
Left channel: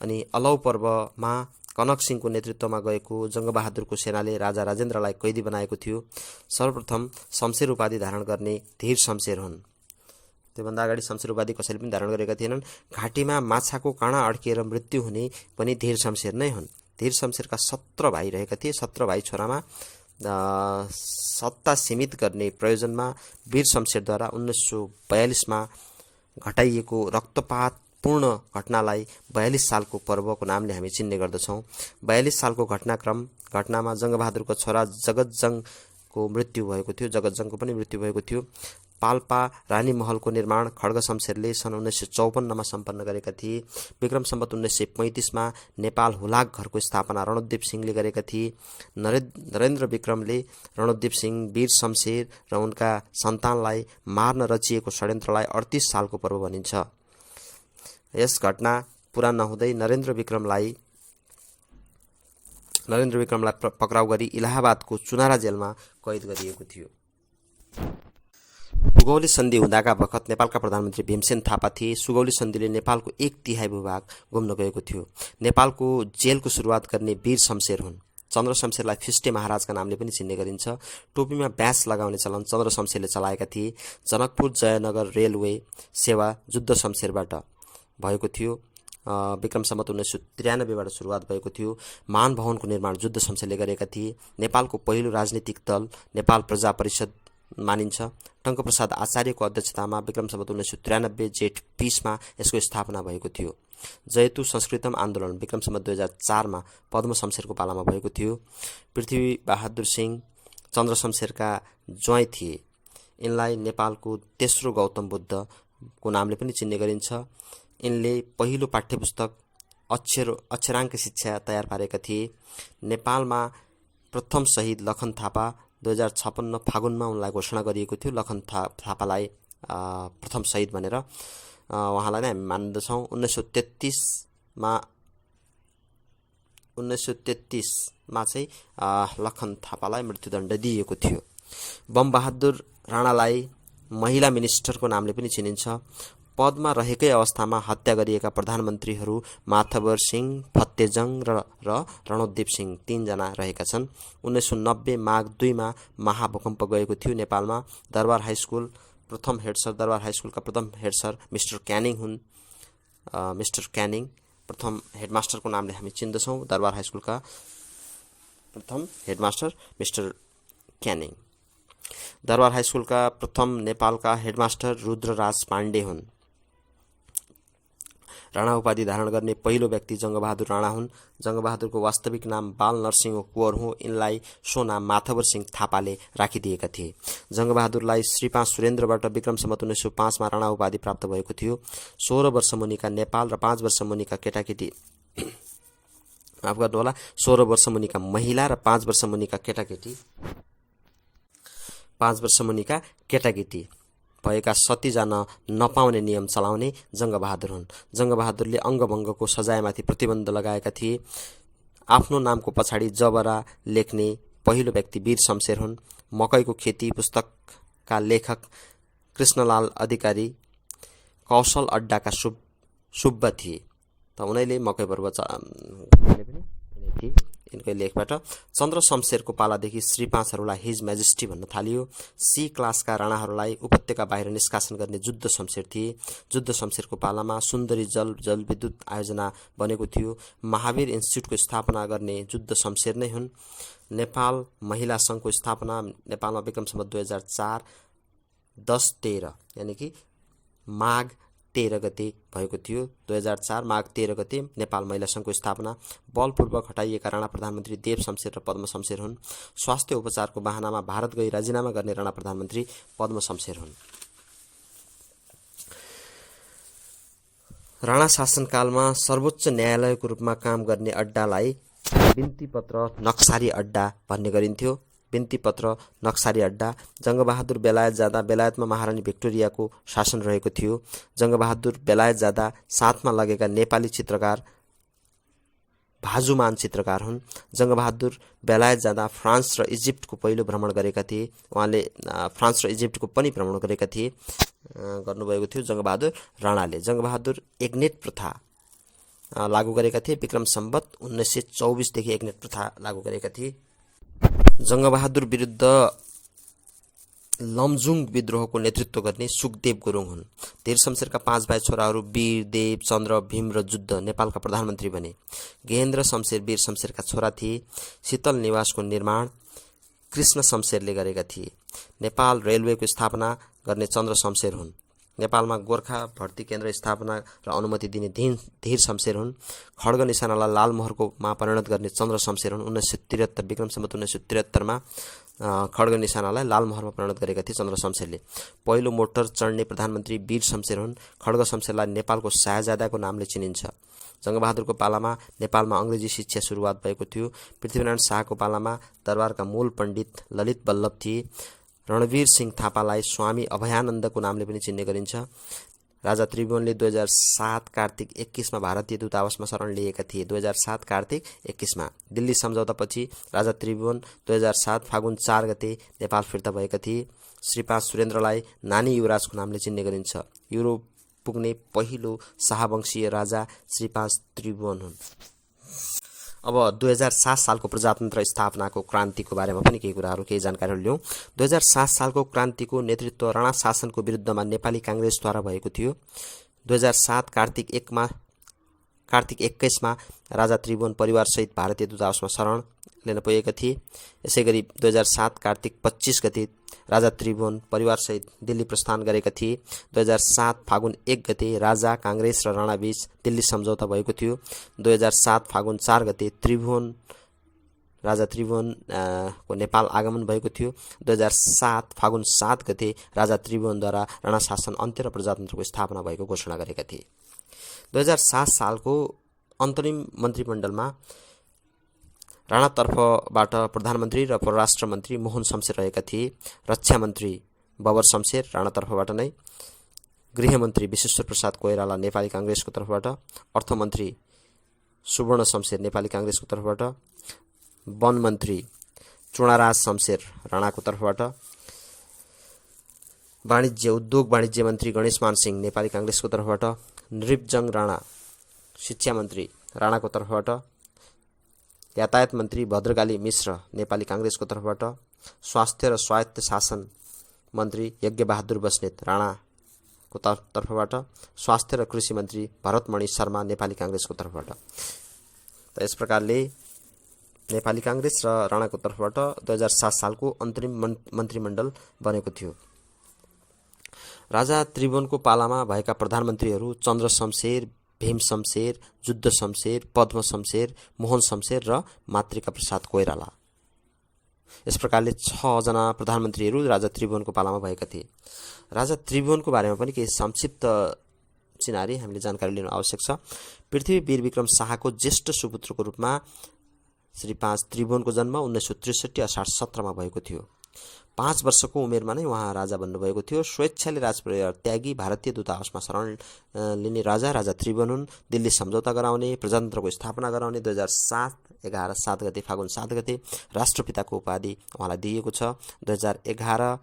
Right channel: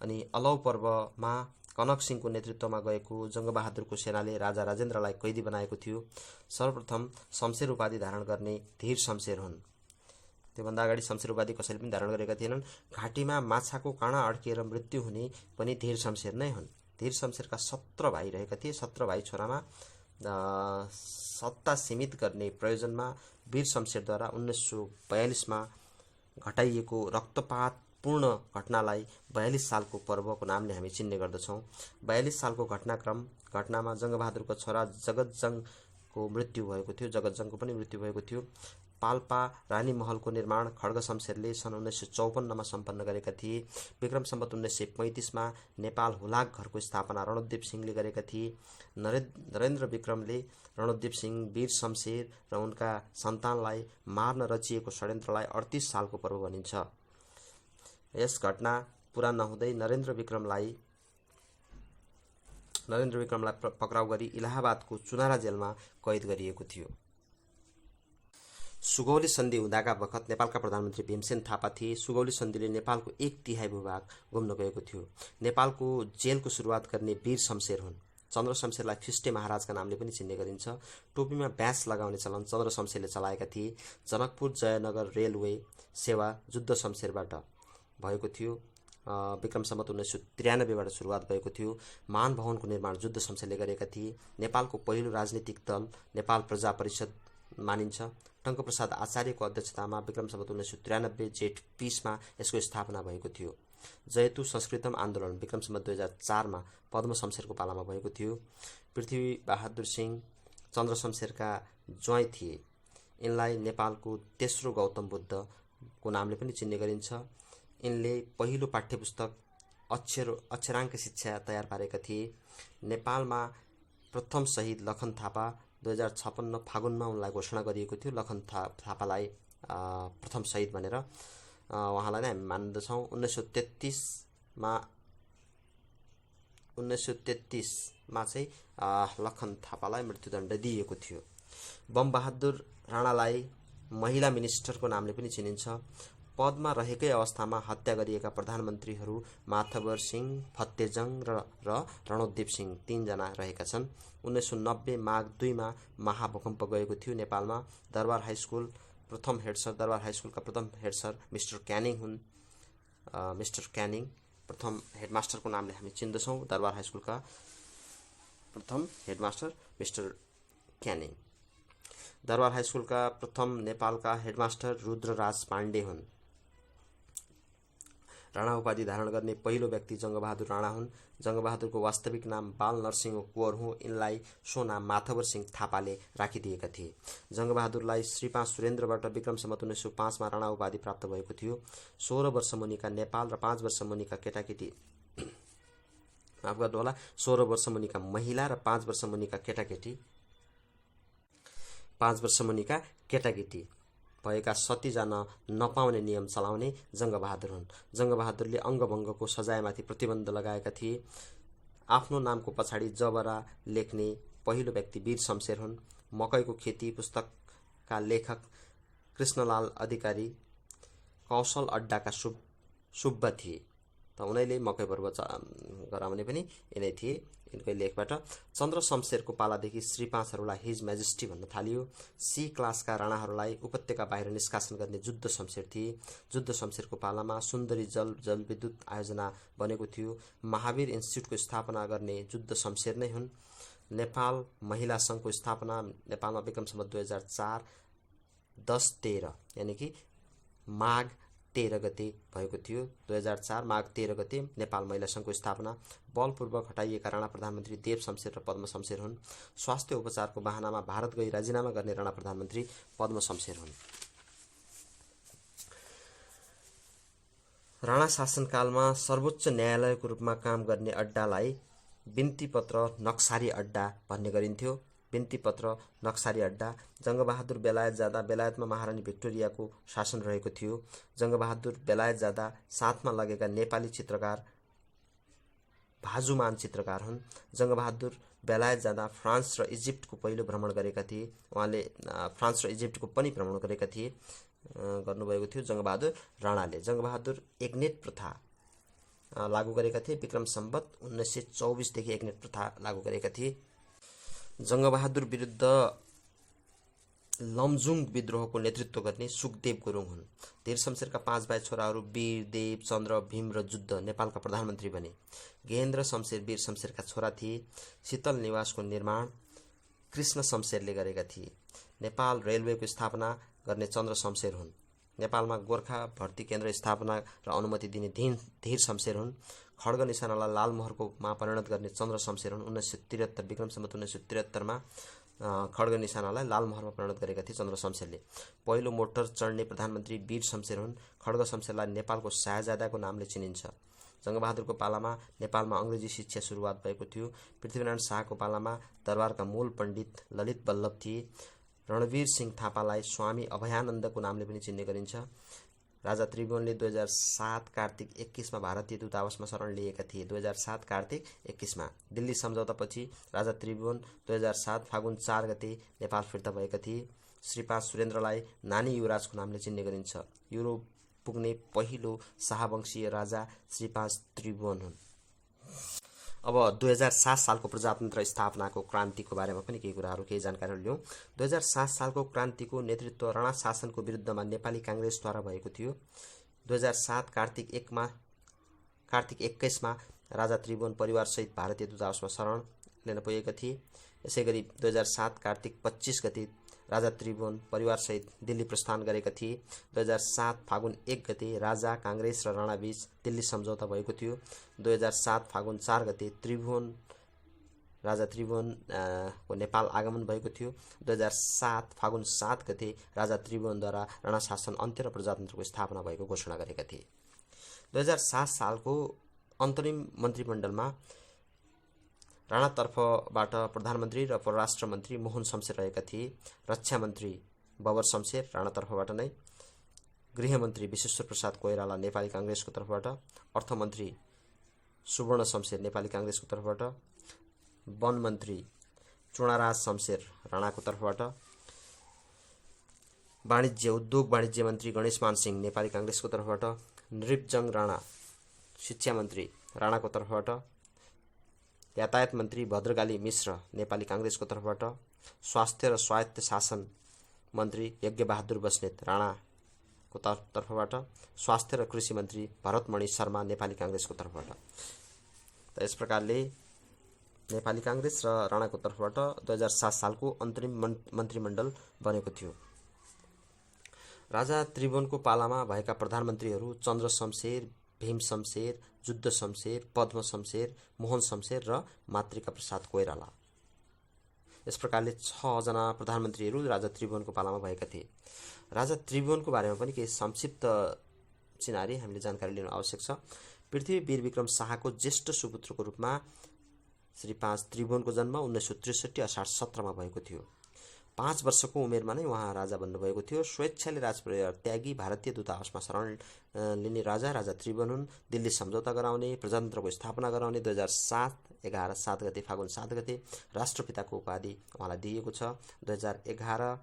अनि अलौ पर्वमा कनक सिंहको नेतृत्वमा गएको जङ्गबहादुरको सेनाले राजा राजेन्द्रलाई कैदी बनाएको थियो। सर्वप्रथम शमशेर उपाधि धारण गर्ने धीर शमशेर हुन्। त्योभन्दा अगाडि शमशेर उपाधि कसैले पनि धारण गरेका थिएनन्। घाँटीमा माछाको काँडा अड्किएर मृत्यु हुने पनि धीर शमशेर नै हुन्। धीर शमशेरका 17 भाइ रहेका थिए। 17 भाइ छोरामा सत्ता सीमित गर्ने प्रयोजनमा वीर शमशेरद्वारा 1942मा घटाइएको रक्तपातपूर्ण घटनालाई 42 सालको पर्वको नामले हामी चिन्ने गर्दछौँ। 42 सालको घटनामा जङ्गबहादुरको छोरा जगतजङको मृत्यु भएको थियो। जगतजङको पनि मृत्यु भएको थियो। पाल्पा रानी महलको निर्माण खड्ग शमशेरले सन् 1954मा सम्पन्न गरेका थिए। विक्रम सम्वत 1935मा नेपाल हुलाक घरको स्थापना रणोद्दीप सिंहले गरेका थिए। नरेन्द्र विक्रमले रणोद्दीप सिंह, वीर शमशेर र उनका सन्तानलाई मार्न रचिएको षड्यन्त्रलाई 38 सालको पर्व भनिन्छ। यस घटना पुरा नहुँदै नरेन्द्र विक्रमलाई पक्राउ गरी इलाहाबादको चुनारा जेलमा कैद गरिएको थियो। सुगौली सन्धि हुँदाका बखत नेपालका प्रधानमन्त्री भीमसेन थापा थिए। सुगौली सन्धिले नेपालको 1/3 भूभाग घुम्न गएको थियो। नेपालको जेलको सुरुवात गर्ने वीर शमशेर हुन्। चन्द्र शमशेरलाई फिस्टे महाराजका नामले पनि चिन्ने गरिन्छ। टोपीमा ब्यास लगाउने चलन चन्द्र शमशेरले चलाएका थिए। जनकपुर जयनगर रेलवे सेवा जुद्ध शमशेरबाट भएको थियो। विक्रम सम्वत 1993बाट सुरुवात भएको थियो। मान भवनको निर्माण जुद्ध शमशेरले गरेका थिए। नेपालको पहिलो राजनीतिक दल नेपाल प्रजा परिषद मानिन्छ। टङ्कप्रसाद आचार्यको अध्यक्षतामा विक्रम सम्वत 1993 जेठ 20मा यसको स्थापना भएको थियो। जयतु संस्कृतम आन्दोलन विक्रम सम्वत 2004मा पद्म शमशेरको पालामा भएको थियो। पृथ्वी बहादुर सिंह चन्द्र शमशेरका ज्वाइँ थिए। यिनलाई नेपालको तेस्रो गौतम बुद्धको नामले पनि चिन्ने गरिन्छ। यिनले पहिलो पाठ्यपुस्तक अक्षराङ्क शिक्षा तयार पारेका थिए। नेपालमा प्रथम शहीद लखन थापा 2056 फागुनमा उनलाई घोषणा गरिएको थियो। लखन थापालाई प्रथम शहीद भनेर उहाँलाई नै हामी मान्दछौँ। 1933मा चाहिँ लखन थापालाई मृत्युदण्ड दिइएको थियो। बमबहादुर राणालाई महिला मिनिस्टरको नामले पनि चिनिन्छ। पदमा रहेकै अवस्थामा हत्या गरिएका प्रधानमन्त्रीहरू माथवर सिंह, फत्तेजङ र रणोद्दीप सिंह 3 जना रहेका छन्। 1990 माघ 2मा महाभूकम्प गएको थियो नेपालमा। दरबार हाइस्कुलका प्रथम हेड सर मिस्टर क्यानिङ हुन्। मिस्टर क्यानिङ प्रथम हेडमास्टरको नामले हामी चिन्दछौँ। दरबार हाइस्कुलका प्रथम हेडमास्टर मिस्टर क्यानिङ। दरबार हाइस्कुलका प्रथम नेपालका हेडमास्टर रुद्रराज पाण्डे हुन्। राणा उपाधि धारण गर्ने पहिलो व्यक्ति जङ्गबहादुर राणा हुन्। जङ्गबहादुरको वास्तविक नाम बाल नरसिंह कुँवर हो। यिनलाई सो नाम माथवर सिंह थापाले राखिदिएका थिए। जङ्गबहादुरलाई श्री 5 सुरेन्द्रबाट विक्रम सम्वत 1905मा राणा उपाधि प्राप्त भएको थियो। 16 वर्ष मुनिका नेपाल र 5 वर्ष मुनिका केटाकेटी माफ गर्नुहोला 16 वर्ष मुनिका महिला र 5 वर्ष मुनिका केटाकेटी भएका सती जान नपाउने नियम चलाउने जङ्गबहादुर हुन्। जङ्गबहादुरले अङ्गभङ्गको सजायमाथि प्रतिबन्ध लगाएका थिए। आफ्नो नामको पछाडि जबरा लेख्ने पहिलो व्यक्ति वीर शमशेर हुन्। मकैको खेती पुस्तकका लेखक कृष्णलाल अधिकारी कौशल अड्डाका सुब्बा थिए। त उनीले मकै पर्व गराउने पनि यिनै थिए। यिनको लेखबाट चन्द्र शमशेरको पालादेखि श्री 5हरूलाई हिज मेजेस्टी भन्न थालियो। सी क्लासका राणाहरूलाई उपत्यका बाहिर निष्कासन गर्ने जुद्ध शमशेर थिए। जुद्ध शमशेरको पालामा सुन्दरी जलविद्युत आयोजना बनेको थियो। महावीर इन्स्टिच्युटको स्थापना गर्ने जुद्ध शमशेर नै हुन्। नेपाल महिला सङ्घको स्थापना नेपालमा विक्रम सम्वत 2004 10-13 यानि कि माघ 13 गते भएको थियो। 2004 माघ 13 गते नेपाल महिला सङ्घको स्थापना। बलपूर्वक हटाइएका राणा प्रधानमन्त्री देव शमशेर र पद्म शमशेर हुन्। स्वास्थ्य उपचारको बहानामा भारत गई राजीनामा गर्ने राणा प्रधानमन्त्री पद्म शमशेर हुन्। राणा शासनकालमा सर्वोच्च न्यायालयको रूपमा काम गर्ने अड्डालाई बिन्तीपत्र नक्सारी अड्डा भन्ने गरिन्थ्यो। बिन्तीपत्र नक्सारी अड्डा। जङ्गबहादुर बेलायत जाँदा बेलायतमा महारानी भिक्टोरियाको शासन रहेको थियो। जङ्गबहादुर बेलायत जाँदा साथमा लगेका नेपाली चित्रकार भाजुमान चित्रकार हुन्। जङ्गबहादुर बेलायत जाँदा फ्रान्स र इजिप्टको पहिलो भ्रमण गरेका थिए। उहाँले फ्रान्स र इजिप्टको पनि भ्रमण गरेका थिए गर्नुभएको थियो जङ्गबहादुर राणाले। जङ्गबहादुर एग्नेट प्रथा लागू गरेका थिए। विक्रम सम्वत 1924 देखि एकनेट प्रथा लागू गरेका थिए। जङ्गबहादुर विरुद्ध लमजुङ विद्रोहको नेतृत्व गर्ने सुखदेव गुरुङ हुन्। धीर शमशेरका 5 भाइ छोराहरू वीर, देव, चन्द्र, भीम र जुद्ध नेपालका प्रधानमन्त्री बने। गेहेन्द्र शमशेर वीर शमशेरका छोरा थिए। शीतल निवासको निर्माण कृष्ण शमशेरले गरेका थिए। नेपाल रेलवेको स्थापना गर्ने चन्द्र शमशेर हुन्। नेपालमा गोर्खा भर्ती केन्द्र स्थापना र अनुमति दिने धीर शमशेर हुन्। खड्ग निशानालाई लालमोहरकोमा परिणत गर्ने चन्द्र शमशेर हुन्। 1973 विक्रम सम्वत 1973 खड्ग निशानालाई लालमोहरमा परिणत गरेका थिए चन्द्र शमशेरले। पहिलो मोटर चढ्ने प्रधानमन्त्री वीर शमशेर हुन्। खड्ग शमशेरलाई नेपालको शाहजादाको नामले चिनिन्छ। जङ्गबहादुरको पालामा नेपालमा अङ्ग्रेजी शिक्षा सुरुवात भएको थियो। पृथ्वीनारायण शाहको पालामा दरबारका मूल पण्डित ललित बल्लभ थिए। रणवीर सिंह थापालाई स्वामी अभयानन्दको नामले पनि चिन्ने गरिन्छ। राजा त्रिभुवनले 2007 कार्तिक 21 भारतीय दूतावासमा शरण लिएका थिए। 2007 कार्तिक 21 दिल्ली सम्झौतापछि राजा त्रिभुवन 2007 फागुन 4 गते नेपाल फिर्ता भएका थिए। श्री 5 सुरेन्द्रलाई नानी युवराजको नामले चिन्ने गरिन्छ। युरोप पुग्ने पहिलो शाहवंशीय राजा श्री 5 त्रिभुवन हुन्। अब 2007 सालको प्रजातन्त्र स्थापनाको क्रान्तिको बारेमा पनि केही जानकारीहरू लियौँ। 2007 सालको क्रान्तिको नेतृत्व राणा शासनको विरुद्धमा नेपाली काङ्ग्रेसद्वारा भएको थियो। 2007 कार्तिक 21 राजा त्रिभुवन परिवारसहित भारतीय दूतावासमा शरण लिन पुगेका थिए। यसैगरी 2007 कार्तिक 25 गते राजा त्रिभुवन परिवारसहित दिल्ली प्रस्थान गरेका थिए। 2007 फागुन 1 गते राजा, काङ्ग्रेस र राणाबीच दिल्ली सम्झौता भएको थियो। 2007 फागुन 4 गते राजा त्रिभुवन को नेपाल आगमन भएको थियो। 2007 फागुन 7 गते राजा त्रिभुवनद्वारा राणा शासन अन्त्य र प्रजातन्त्रको स्थापना भएको घोषणा गरेका थिए। 2007 सालको अन्तरिम मन्त्रीमण्डलमा राणातर्फबाट प्रधानमन्त्री र परराष्ट्र मन्त्री मोहन शमशेर रहेका थिए। रक्षा मन्त्री बबर शमशेर राणातर्फबाट नै, गृहमन्त्री विश्वेश्वर प्रसाद कोइराला नेपाली काङ्ग्रेसको तर्फबाट, अर्थमन्त्री सुवर्ण शमशेर नेपाली काङ्ग्रेसको तर्फबाट, वन मन्त्री चुडाराज शमशेर राणाको तर्फबाट, उद्योग वाणिज्य मन्त्री गणेशमान सिंह नेपाली काङ्ग्रेसको तर्फबाट, नृपजङ राणा शिक्षा मन्त्री राणाको तर्फबाट, यातायात मन्त्री भद्रकाली मिश्र नेपाली काङ्ग्रेसको तर्फबाट, स्वास्थ्य र स्वायत्त शासन मन्त्री यज्ञबहादुर बस्नेत राणाको तर्फबाट, स्वास्थ्य र कृषि मन्त्री भरतमणि शर्मा नेपाली काङ्ग्रेसको तर्फबाट। त यस प्रकारले नेपाली काङ्ग्रेस र राणाको तर्फबाट 2007 सालको अन्तरिम मन्त्रीमण्डल बनेको थियो। राजा त्रिभुवनको पालामा भएका प्रधानमन्त्रीहरू चन्द्र शमशेर, भीम शमशेर, जुद्ध शमशेर, पद्म शमशेर, मोहन शमशेर र मातृका प्रसाद कोइराला। यस प्रकारले 6 जना प्रधानमन्त्रीहरू राजा त्रिभुवनको पालामा भएका थिए। राजा त्रिभुवनको बारेमा पनि केही संक्षिप्त चिनारी हामीले जानकारी लिनु आवश्यक छ। पृथ्वी वीर विक्रम शाहको ज्येष्ठ सुपुत्रको रूपमा श्री 5 त्रिभुवनको जन्म 1963 असार 17 भएको थियो। 5 वर्षको उमेरमा नै उहाँ राजा बन्नुभएको थियो। स्वेच्छाले राजपरिवार त्यागी भारतीय दूतावासमा शरण लिने राजा त्रिभुवन हुन्। दिल्ली सम्झौता गराउने, प्रजातन्त्रको स्थापना गराउने 2007 7 गते फागुन 7 गते राष्ट्रपिताको उपाधि उहाँलाई दिइएको छ। 2011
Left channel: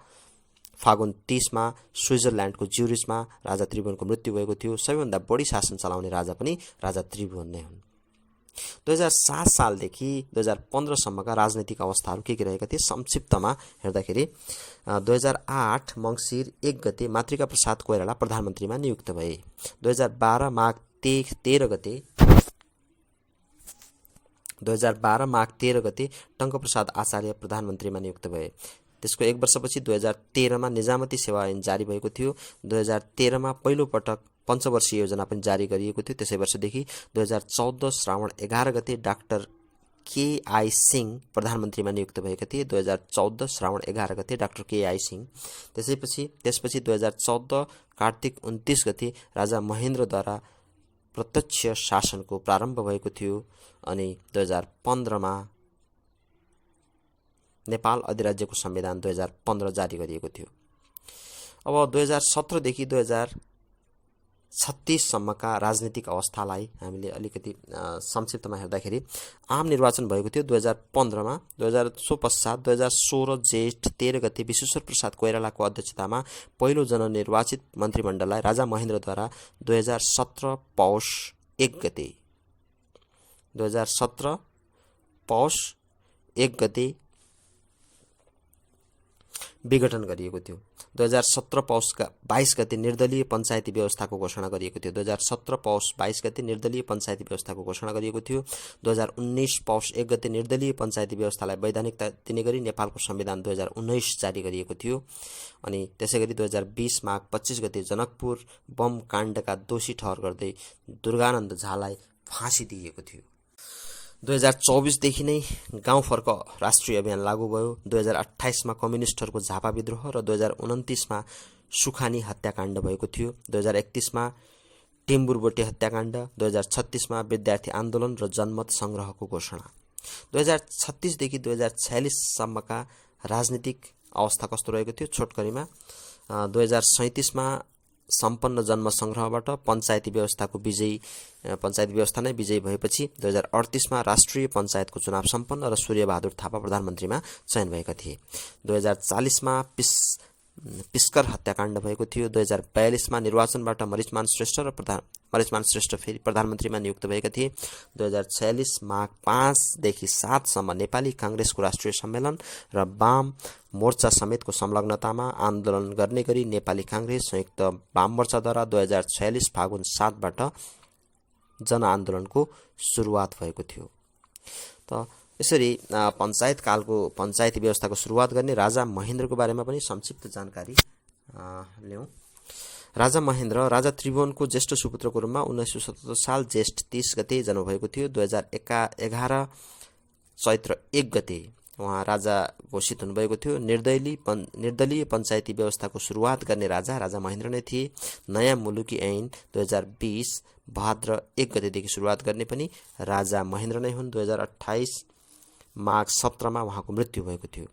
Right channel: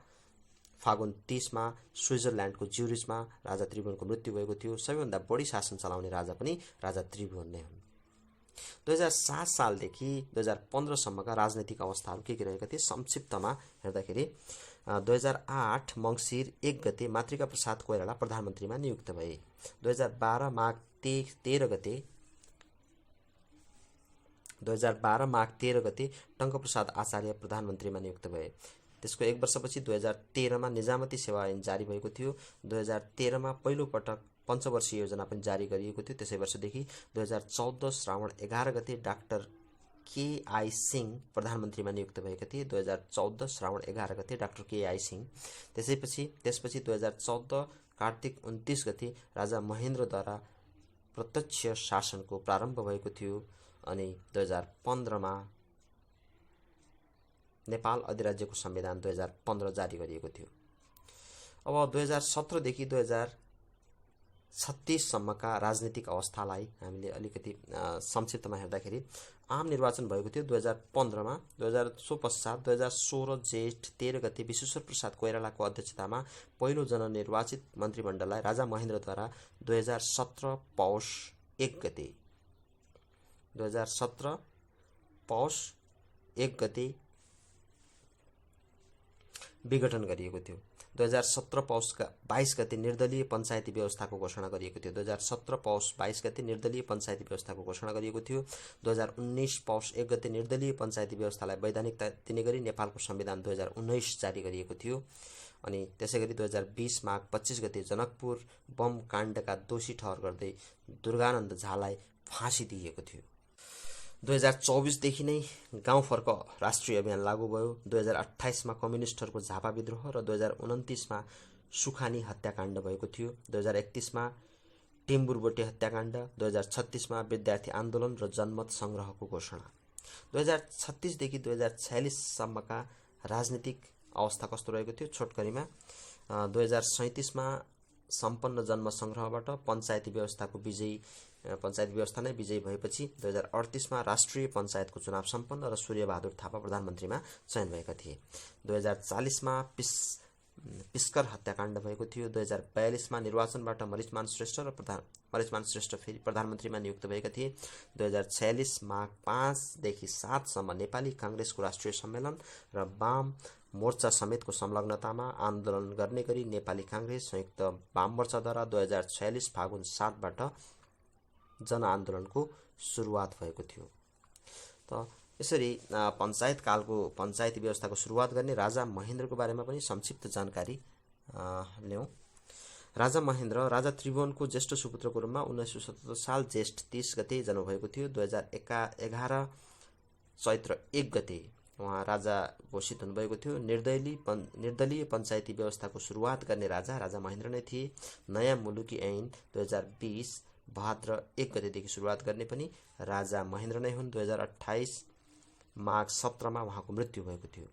फागुन 30 स्विजरल्यान्डको ज्युरिचमा राजा त्रिभुवनको मृत्यु भएको थियो। सबैभन्दा बढी शासन चलाउने राजा पनि राजा त्रिभुवन नै हुन्। 2007 सालदेखि 2015 सम्मका राजनैतिक अवस्थाहरू के रहेका थिए संक्षिप्तमा हेर्दाखेरि 2008 मङ्सिर 1 गते मातृका प्रसाद कोइराला प्रधानमन्त्रीमा नियुक्त भए। 2012 माघ 13 गते टङ्कप्रसाद आचार्य प्रधानमन्त्रीमा नियुक्त भए। त्यसको 1 वर्षपछि 2013 निजामती सेवा ऐन जारी भएको थियो। 2013 पहिलो पटक पञ्चवर्षीय योजना पनि जारी गरिएको थियो। त्यसै वर्षदेखि 2014 श्रावण 11 गते डाक्टर केआई सिंह प्रधानमन्त्रीमा नियुक्त भएका थिए। 2014 श्रावण 11 गते डाक्टर केआई सिंह। त्यसपछि 2014 कार्तिक 29 गते राजा महेन्द्रद्वारा प्रत्यक्ष शासनको प्रारम्भ भएको थियो अनि 2015 नेपाल अधिराज्यको संविधान 2015 जारी गरिएको थियो। अब 2017 देखि 2036 सम्मका राजनीतिक अवस्थालाई हामीले अलिकति संक्षिप्तमा हेर्दाखेरि आम निर्वाचन भएको थियो 2015 सो पश्चात 2016 जेठ 13 गते विश्वेश्वर प्रसाद कोइरालाको अध्यक्षतामा पहिलो जननिर्वाचित मन्त्रीमण्डललाई राजा महेन्द्रद्वारा 2017 पौष 1 गते 2017 पौष 1 गते विघटन गरिएको थियो। 2017 पौष 22 गते निर्दलीय पञ्चायती व्यवस्थाको घोषणा गरिएको थियो। 2017 पौष 22 गते निर्दलीय पञ्चायती व्यवस्थाको घोषणा गरिएको थियो। 2019 पौष 1 गते निर्दलीय पञ्चायती व्यवस्थालाई वैधानिकता दिने गरी नेपालको संविधान 2019 जारी गरिएको थियो। अनि त्यसैगरी 2020 माघ 25 गते जनकपुर बम काण्डका दोषी ठहर गर्दै दुर्गानन्द झालाई फाँसी दिइएको थियो। 2024 देखि नै गाउँ फर्क राष्ट्रिय अभियान लागू भयो। 2028 मा कम्युनिस्टहरूको झापा विद्रोह र 2029 मा सुखानी हत्याकाण्ड भएको थियो। 2031 मा टेम्बुरबोटे हत्याकाण्ड, 2036 मा विद्यार्थी आन्दोलन र जनमत संग्रहको घोषणा। 2036 देखि 2046 सम्मका राजनीतिक अवस्था कस्तो रहेको थियो छोटकरीमा। 2037 मा सम्पन्न जन्म संग्रहबाट पञ्चायती व्यवस्था नै विजयी भएपछि 2038 मा राष्ट्रिय पञ्चायतको चुनाव सम्पन्न र सूर्यबहादुर थापा प्रधानमन्त्रीमा चयन भएका थिए। 2040 मा पिस्कर हत्याकाण्ड भएको थियो। 2042 मा निर्वाचनबाट मरिचमान श्रेष्ठ फेरि प्रधानमन्त्रीमा नियुक्त भएका थिए। 2046 माघ 5 देखि 7 सम्म नेपाली कांग्रेसको राष्ट्रिय सम्मेलन र वाम मोर्चा समेतको संलग्नतामा आन्दोलन गर्ने गरी नेपाली कांग्रेस संयुक्त वाम मोर्चाद्वारा 2046 फागुन 7 बाट जनआन्दोलनको सुरुवात भएको थियो। त यसरी पञ्चायत कालको पञ्चायती व्यवस्थाको सुरुवात गर्ने राजा महेन्द्रको बारेमा पनि संक्षिप्त जानकारी ल्याउँ। राजा महेन्द्र राजा त्रिभुवनको ज्येष्ठ सुपुत्रको रूपमा 1977 साल ज्येष्ठ 30 गते जन्म भएको थियो। 2011 चैत्र 1 गते उहाँ राजा घोषित हुनुभएको थियो। निर्दलीय पञ्चायती व्यवस्थाको सुरुवात गर्ने राजा महेन्द्र नै थिए। नयाँ मुलुकी ऐन 2020 भाद्र 1 गतेदेखि सुरुवात गर्ने पनि राजा महेन्द्र नै हुन्। 2028 माघ 17 मा उहाँको मृत्यु भएको थियो।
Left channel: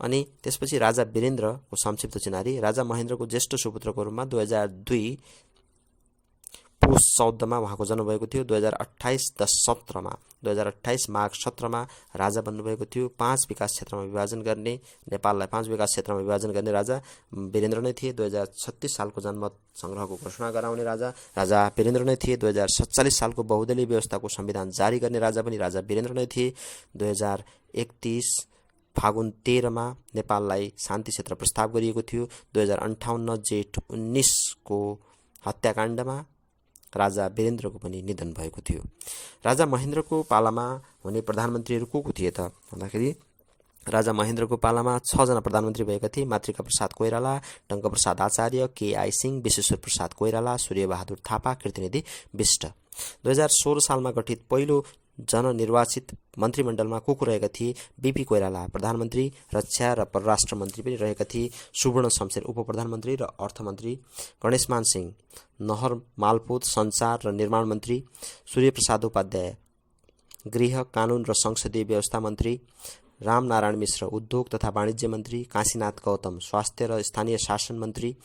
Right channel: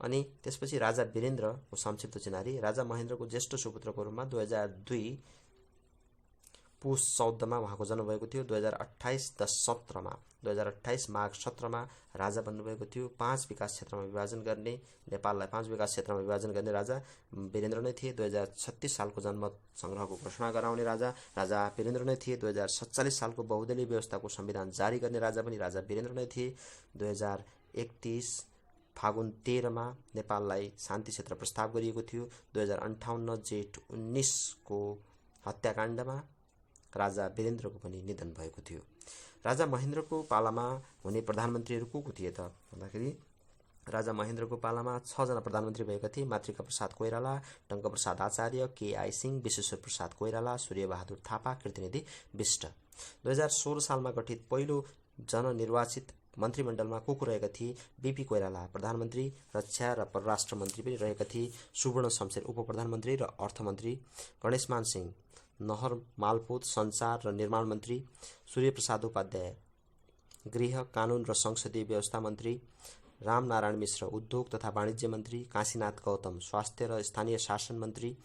अनि त्यसपछि राजा वीरेन्द्रको संक्षिप्त चिनारी। राजा महेन्द्रको ज्येष्ठ सुपुत्रको रूपमा 2002 पुष 14 मा उहाँको जन्म भएको थियो। 2028 माघ 17 मा राजा बन्नुभएको थियो। नेपाललाई 5 विकास क्षेत्रमा विभाजन गर्ने राजा वीरेन्द्र नै थिए। 2036 सालको जन्म संग्रहको घोषणा गराउने राजा वीरेन्द्र नै थिए। 2047 सालको बहुदलीय व्यवस्थाको संविधान जारी गर्ने राजा पनि राजा वीरेन्द्र नै थिए। 2031 फागुन 13 मा नेपाललाई शान्ति क्षेत्र प्रस्ताव गरिएको थियो। 2058 जेठ 19 को हत्याकाण्डमा राजा वीरेन्द्रको पनि निधन भएको थियो। राजा महेन्द्रको पालामा हुने प्रधानमन्त्रीहरू को थिए त भन्दाखेरि राजा महेन्द्रको पालामा 6 जना प्रधानमन्त्री भएका थिए। मातृका प्रसाद कोइराला, टङ्कप्रसाद आचार्य, केआई सिंह, विश्वेश्वर प्रसाद कोइराला, सूर्यबहादुर थापा, कृतिनिधि विष्ट। 2016 सालमा गठित पहिलो जननिर्वाचित मन्त्रीमण्डलमा को रहेका थिए? बीपी कोइराला प्रधानमन्त्री, रक्षा र परराष्ट्र मन्त्री पनि रहेका थिए। सुवर्ण शमशेर उप प्रधानमन्त्री र अर्थमन्त्री, गणेशमान सिंह नहर मालपोत सञ्चार र निर्माण मन्त्री, सूर्यप्रसाद उपाध्याय गृह कानुन र संसदीय व्यवस्था मन्त्री, रामनारायण मिश्र उद्योग तथा वाणिज्य मन्त्री, काशीनाथ गौतम स्वास्थ्य र स्थानीय शासन मन्त्री,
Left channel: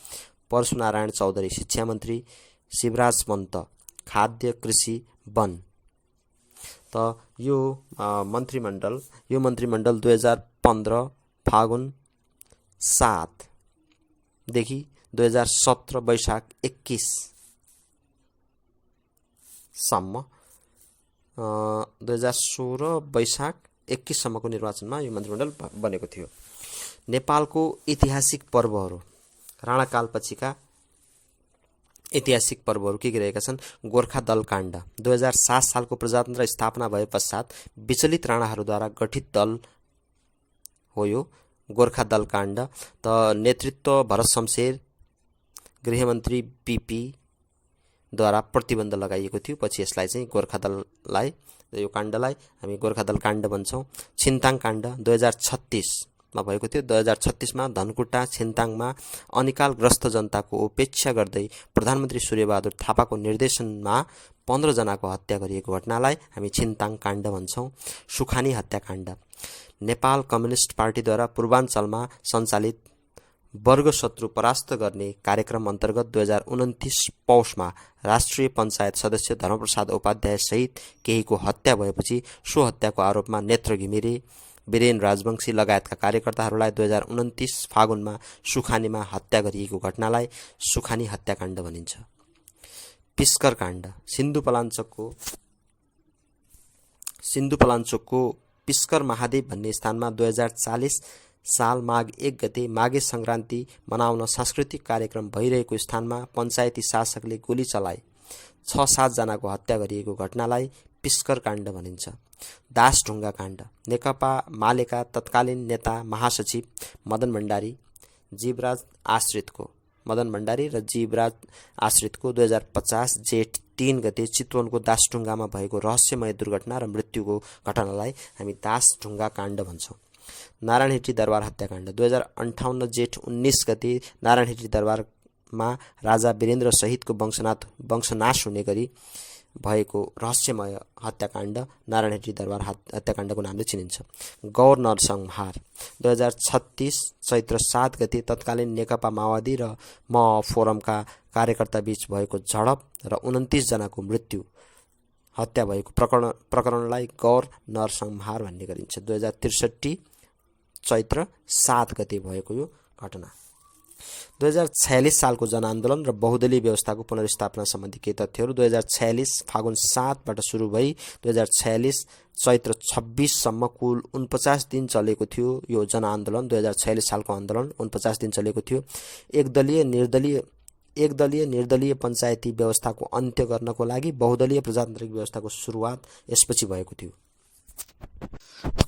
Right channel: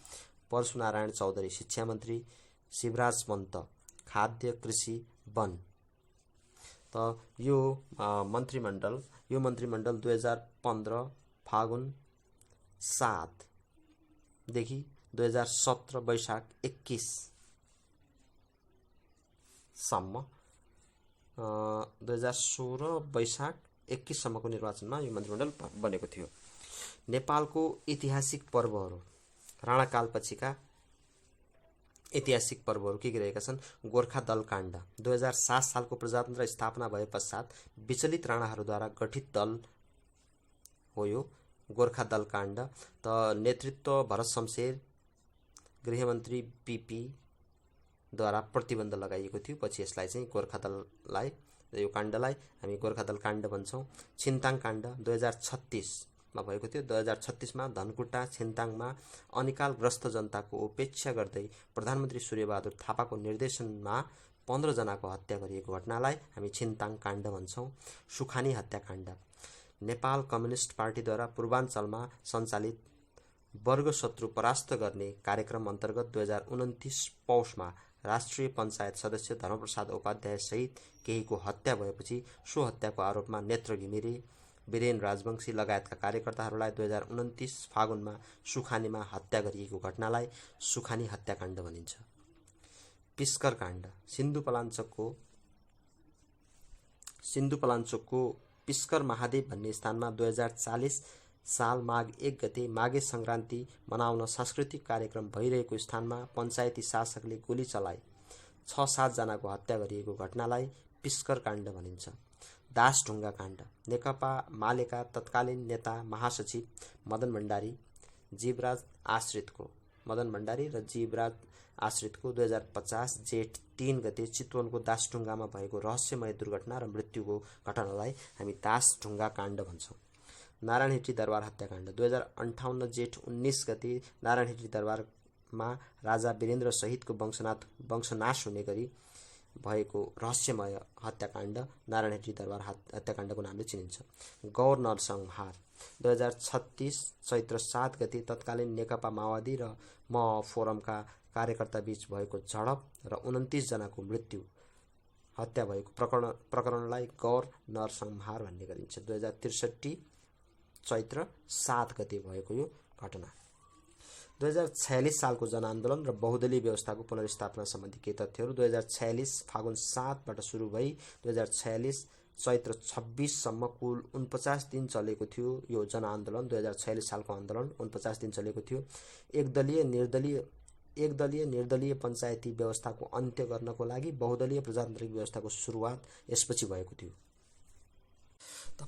परशुनारायण चौधरी शिक्षा मन्त्री, शिवराज पन्त खाद्य कृषि वन। त यो मन्त्रीमण्डल 2015 फागुन 7 देखि 2017 वैशाख 21 सम्म 2016 वैशाख 21 सम्मको निर्वाचनमा यो मन्त्रीमण्डल बनेको थियो। नेपालको ऐतिहासिक पर्वहरू, राणाकाल पछिका ऐतिहासिक पर्वहरू के रहेका छन्? गोर्खा दल काण्ड 2007 सालको प्रजातन्त्र स्थापना भए पश्चात विचलित राणाहरूद्वारा गठित दल हो यो गोर्खा दल काण्ड। त नेतृत्व भरत शमशेर, गृहमन्त्री बीपी द्वारा प्रतिबन्ध लगाइएको थियो। पछि यसलाई चाहिँ गोर्खा दललाई यो काण्डलाई हामी गोर्खा दल काण्ड भन्छौँ। छिन्ताङ काण्ड 2036 मा भएको थियो। 2036 मा धनकुटा छिन्ताङमा अनिकालग्रस्त जनताको उपेक्षा गर्दै प्रधानमन्त्री सूर्यबहादुर थापाको निर्देशनमा 15 जनाको हत्या गरिएको घटनालाई हामी छिन्ताङ काण्ड भन्छौँ। सुखानी हत्याकाण्ड नेपाल कम्युनिस्ट पार्टीद्वारा पूर्वाञ्चलमा सञ्चालित वर्ग शत्रु परास्त गर्ने कार्यक्रम अन्तर्गत 2029 पौषमा राष्ट्रिय पञ्चायत सदस्य धर्मप्रसाद उपाध्याय सहित केहीको हत्या भएपछि सो हत्याको आरोपमा नेत्र घिमिरे, वीरेन राजवंशी लगायतका कार्यकर्ताहरूलाई 2029 फागुनमा सुखानीमा हत्या गरिएको घटनालाई सुखानी हत्याकाण्ड भनिन्छ। पिस्कर काण्ड सिन्धुपलाञ्चोकको सिन्धुपलाञ्चोकको पिस्कर महादेव भन्ने स्थानमा 2040 साल माघ 1 गते माघे सङ्क्रान्ति मनाउन सांस्कृतिक कार्यक्रम भइरहेको स्थानमा पञ्चायती शासकले गोली चलाए 6-7 जनाको हत्या गरिएको घटनालाई पिस्कर काण्ड भनिन्छ। दासढुङ्गा काण्ड। नेकपा मालेका तत्कालीन नेता महासचिव मदन भण्डारी र जीवराज आश्रितको 2050 जेठ 3 गते चितवनको दासढुङ्गामा भएको रहस्यमय दुर्घटना र मृत्युको घटनालाई हामी दासढुङ्गा काण्ड भन्छौँ। नारायणहिटी दरबार हत्याकाण्ड। 2058 जेठ 19 गते नारायणहिटी दरबारमा राजा वीरेन्द्र सहितको वंशनाश हुने गरी भएको रहस्यमय हत्याकाण्ड नारायणहिटी दरबार हत्याकाण्डको नामले चिनिन्छ। गौर नरसंहार। 2036 चैत्र 7 गते तत्कालीन नेकपा माओवादी र म फोरमका कार्यकर्ता बीच भएको झडप र 29 जनाको हत्या भएको प्रकरणलाई गौर नरसंहार भन्ने गरिन्छ। 2063 चैत्र 7 गते भएको यो घटना। 2046 सालको जनआन्दोलन र बहुदलीय व्यवस्थाको पुनर्स्थापना सम्बन्धी केही तथ्यहरू। 2046 फागुन 7बाट सुरु भई 2046 चैत्र 26 सम्म कुल 49 दिन चलेको थियो यो जनआन्दोलन। 2046 सालको आन्दोलन 49 दिन चलेको थियो। एकदलीय निर्दलीय पञ्चायती व्यवस्थाको अन्त्य गर्नको लागि बहुदलीय प्रजातान्त्रिक व्यवस्थाको सुरुवात यसपछि भएको थियो।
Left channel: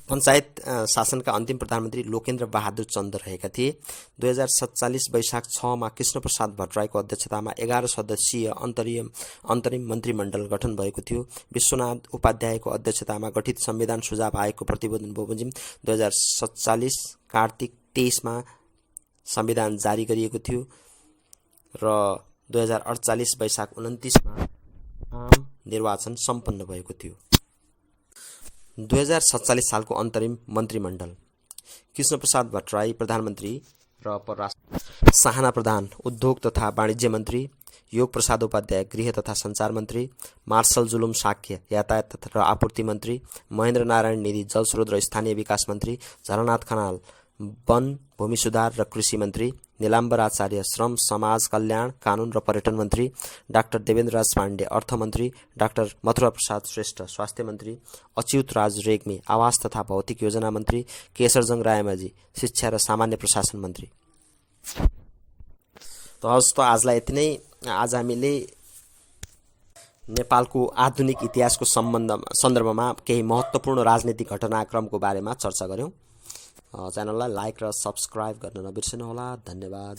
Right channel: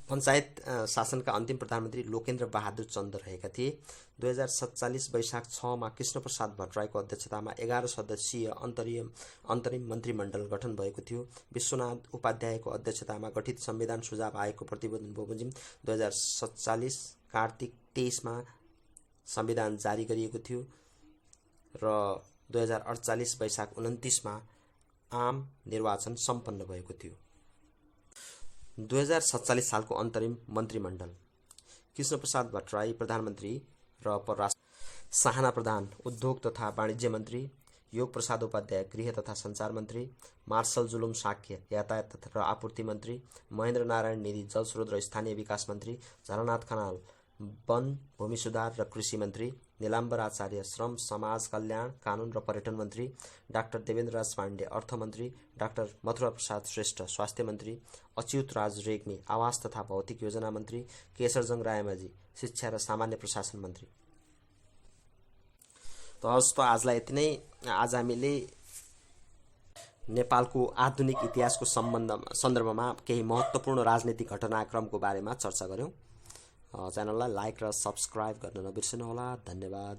पञ्चायत शासनका अन्तिम प्रधानमन्त्री लोकेन्द्र बहादुर चन्द रहेका थिए। 2047 वैशाख 6 मा कृष्णप्रसाद भट्टराईको अध्यक्षतामा 11 सदस्यीय अन्तरिम मन्त्रीमण्डल गठन भएको थियो। विश्वनाथ उपाध्यायको अध्यक्षतामा गठित संविधान सुझाव आयोगको प्रतिवेदन बमोजिम 2047 कार्तिक 23 मा संविधान जारी गरिएको थियो र 2048 वैशाख 29 मा आम निर्वाचन सम्पन्न भएको थियो। 2047 सालको अन्तरिम मन्त्रीमण्डल। कृष्णप्रसाद भट्टराई प्रधानमन्त्री र परराष्ट्र, साहना प्रधान उद्योग तथा वाणिज्य मन्त्री, योग प्रसाद उपाध्याय गृह तथा सञ्चार मन्त्री, मार्शल जुलुम साक्य यातायात र आपूर्ति मन्त्री, महेन्द्र नारायण निधि जलस्रोत र स्थानीय विकास मन्त्री, झलनाथ खनाल वन भूमि सुधार र कृषि मन्त्री, नीलाम्बर आचार्य श्रम समाज कल्याण कानुन र पर्यटन मन्त्री, डाक्टर देवेन्द्रराज पाण्डे अर्थमन्त्री, डाक्टर मथुरा प्रसाद श्रेष्ठ स्वास्थ्य मन्त्री, अच्युत राज रेग्मी आवास तथा भौतिक योजना मन्त्री, केशरजङ रायमाझी शिक्षा र सामान्य प्रशासन मन्त्री। त आजलाई यति नै। आज हामीले नेपालको आधुनिक इतिहासको सन्दर्भमा केही महत्त्वपूर्ण राजनीतिक घटनाक्रमको बारेमा चर्चा गर्यौं। च्यानललाई लाइक र सब्स्क्राइब गर्न नबिर्सनुहोला। धन्यवाद।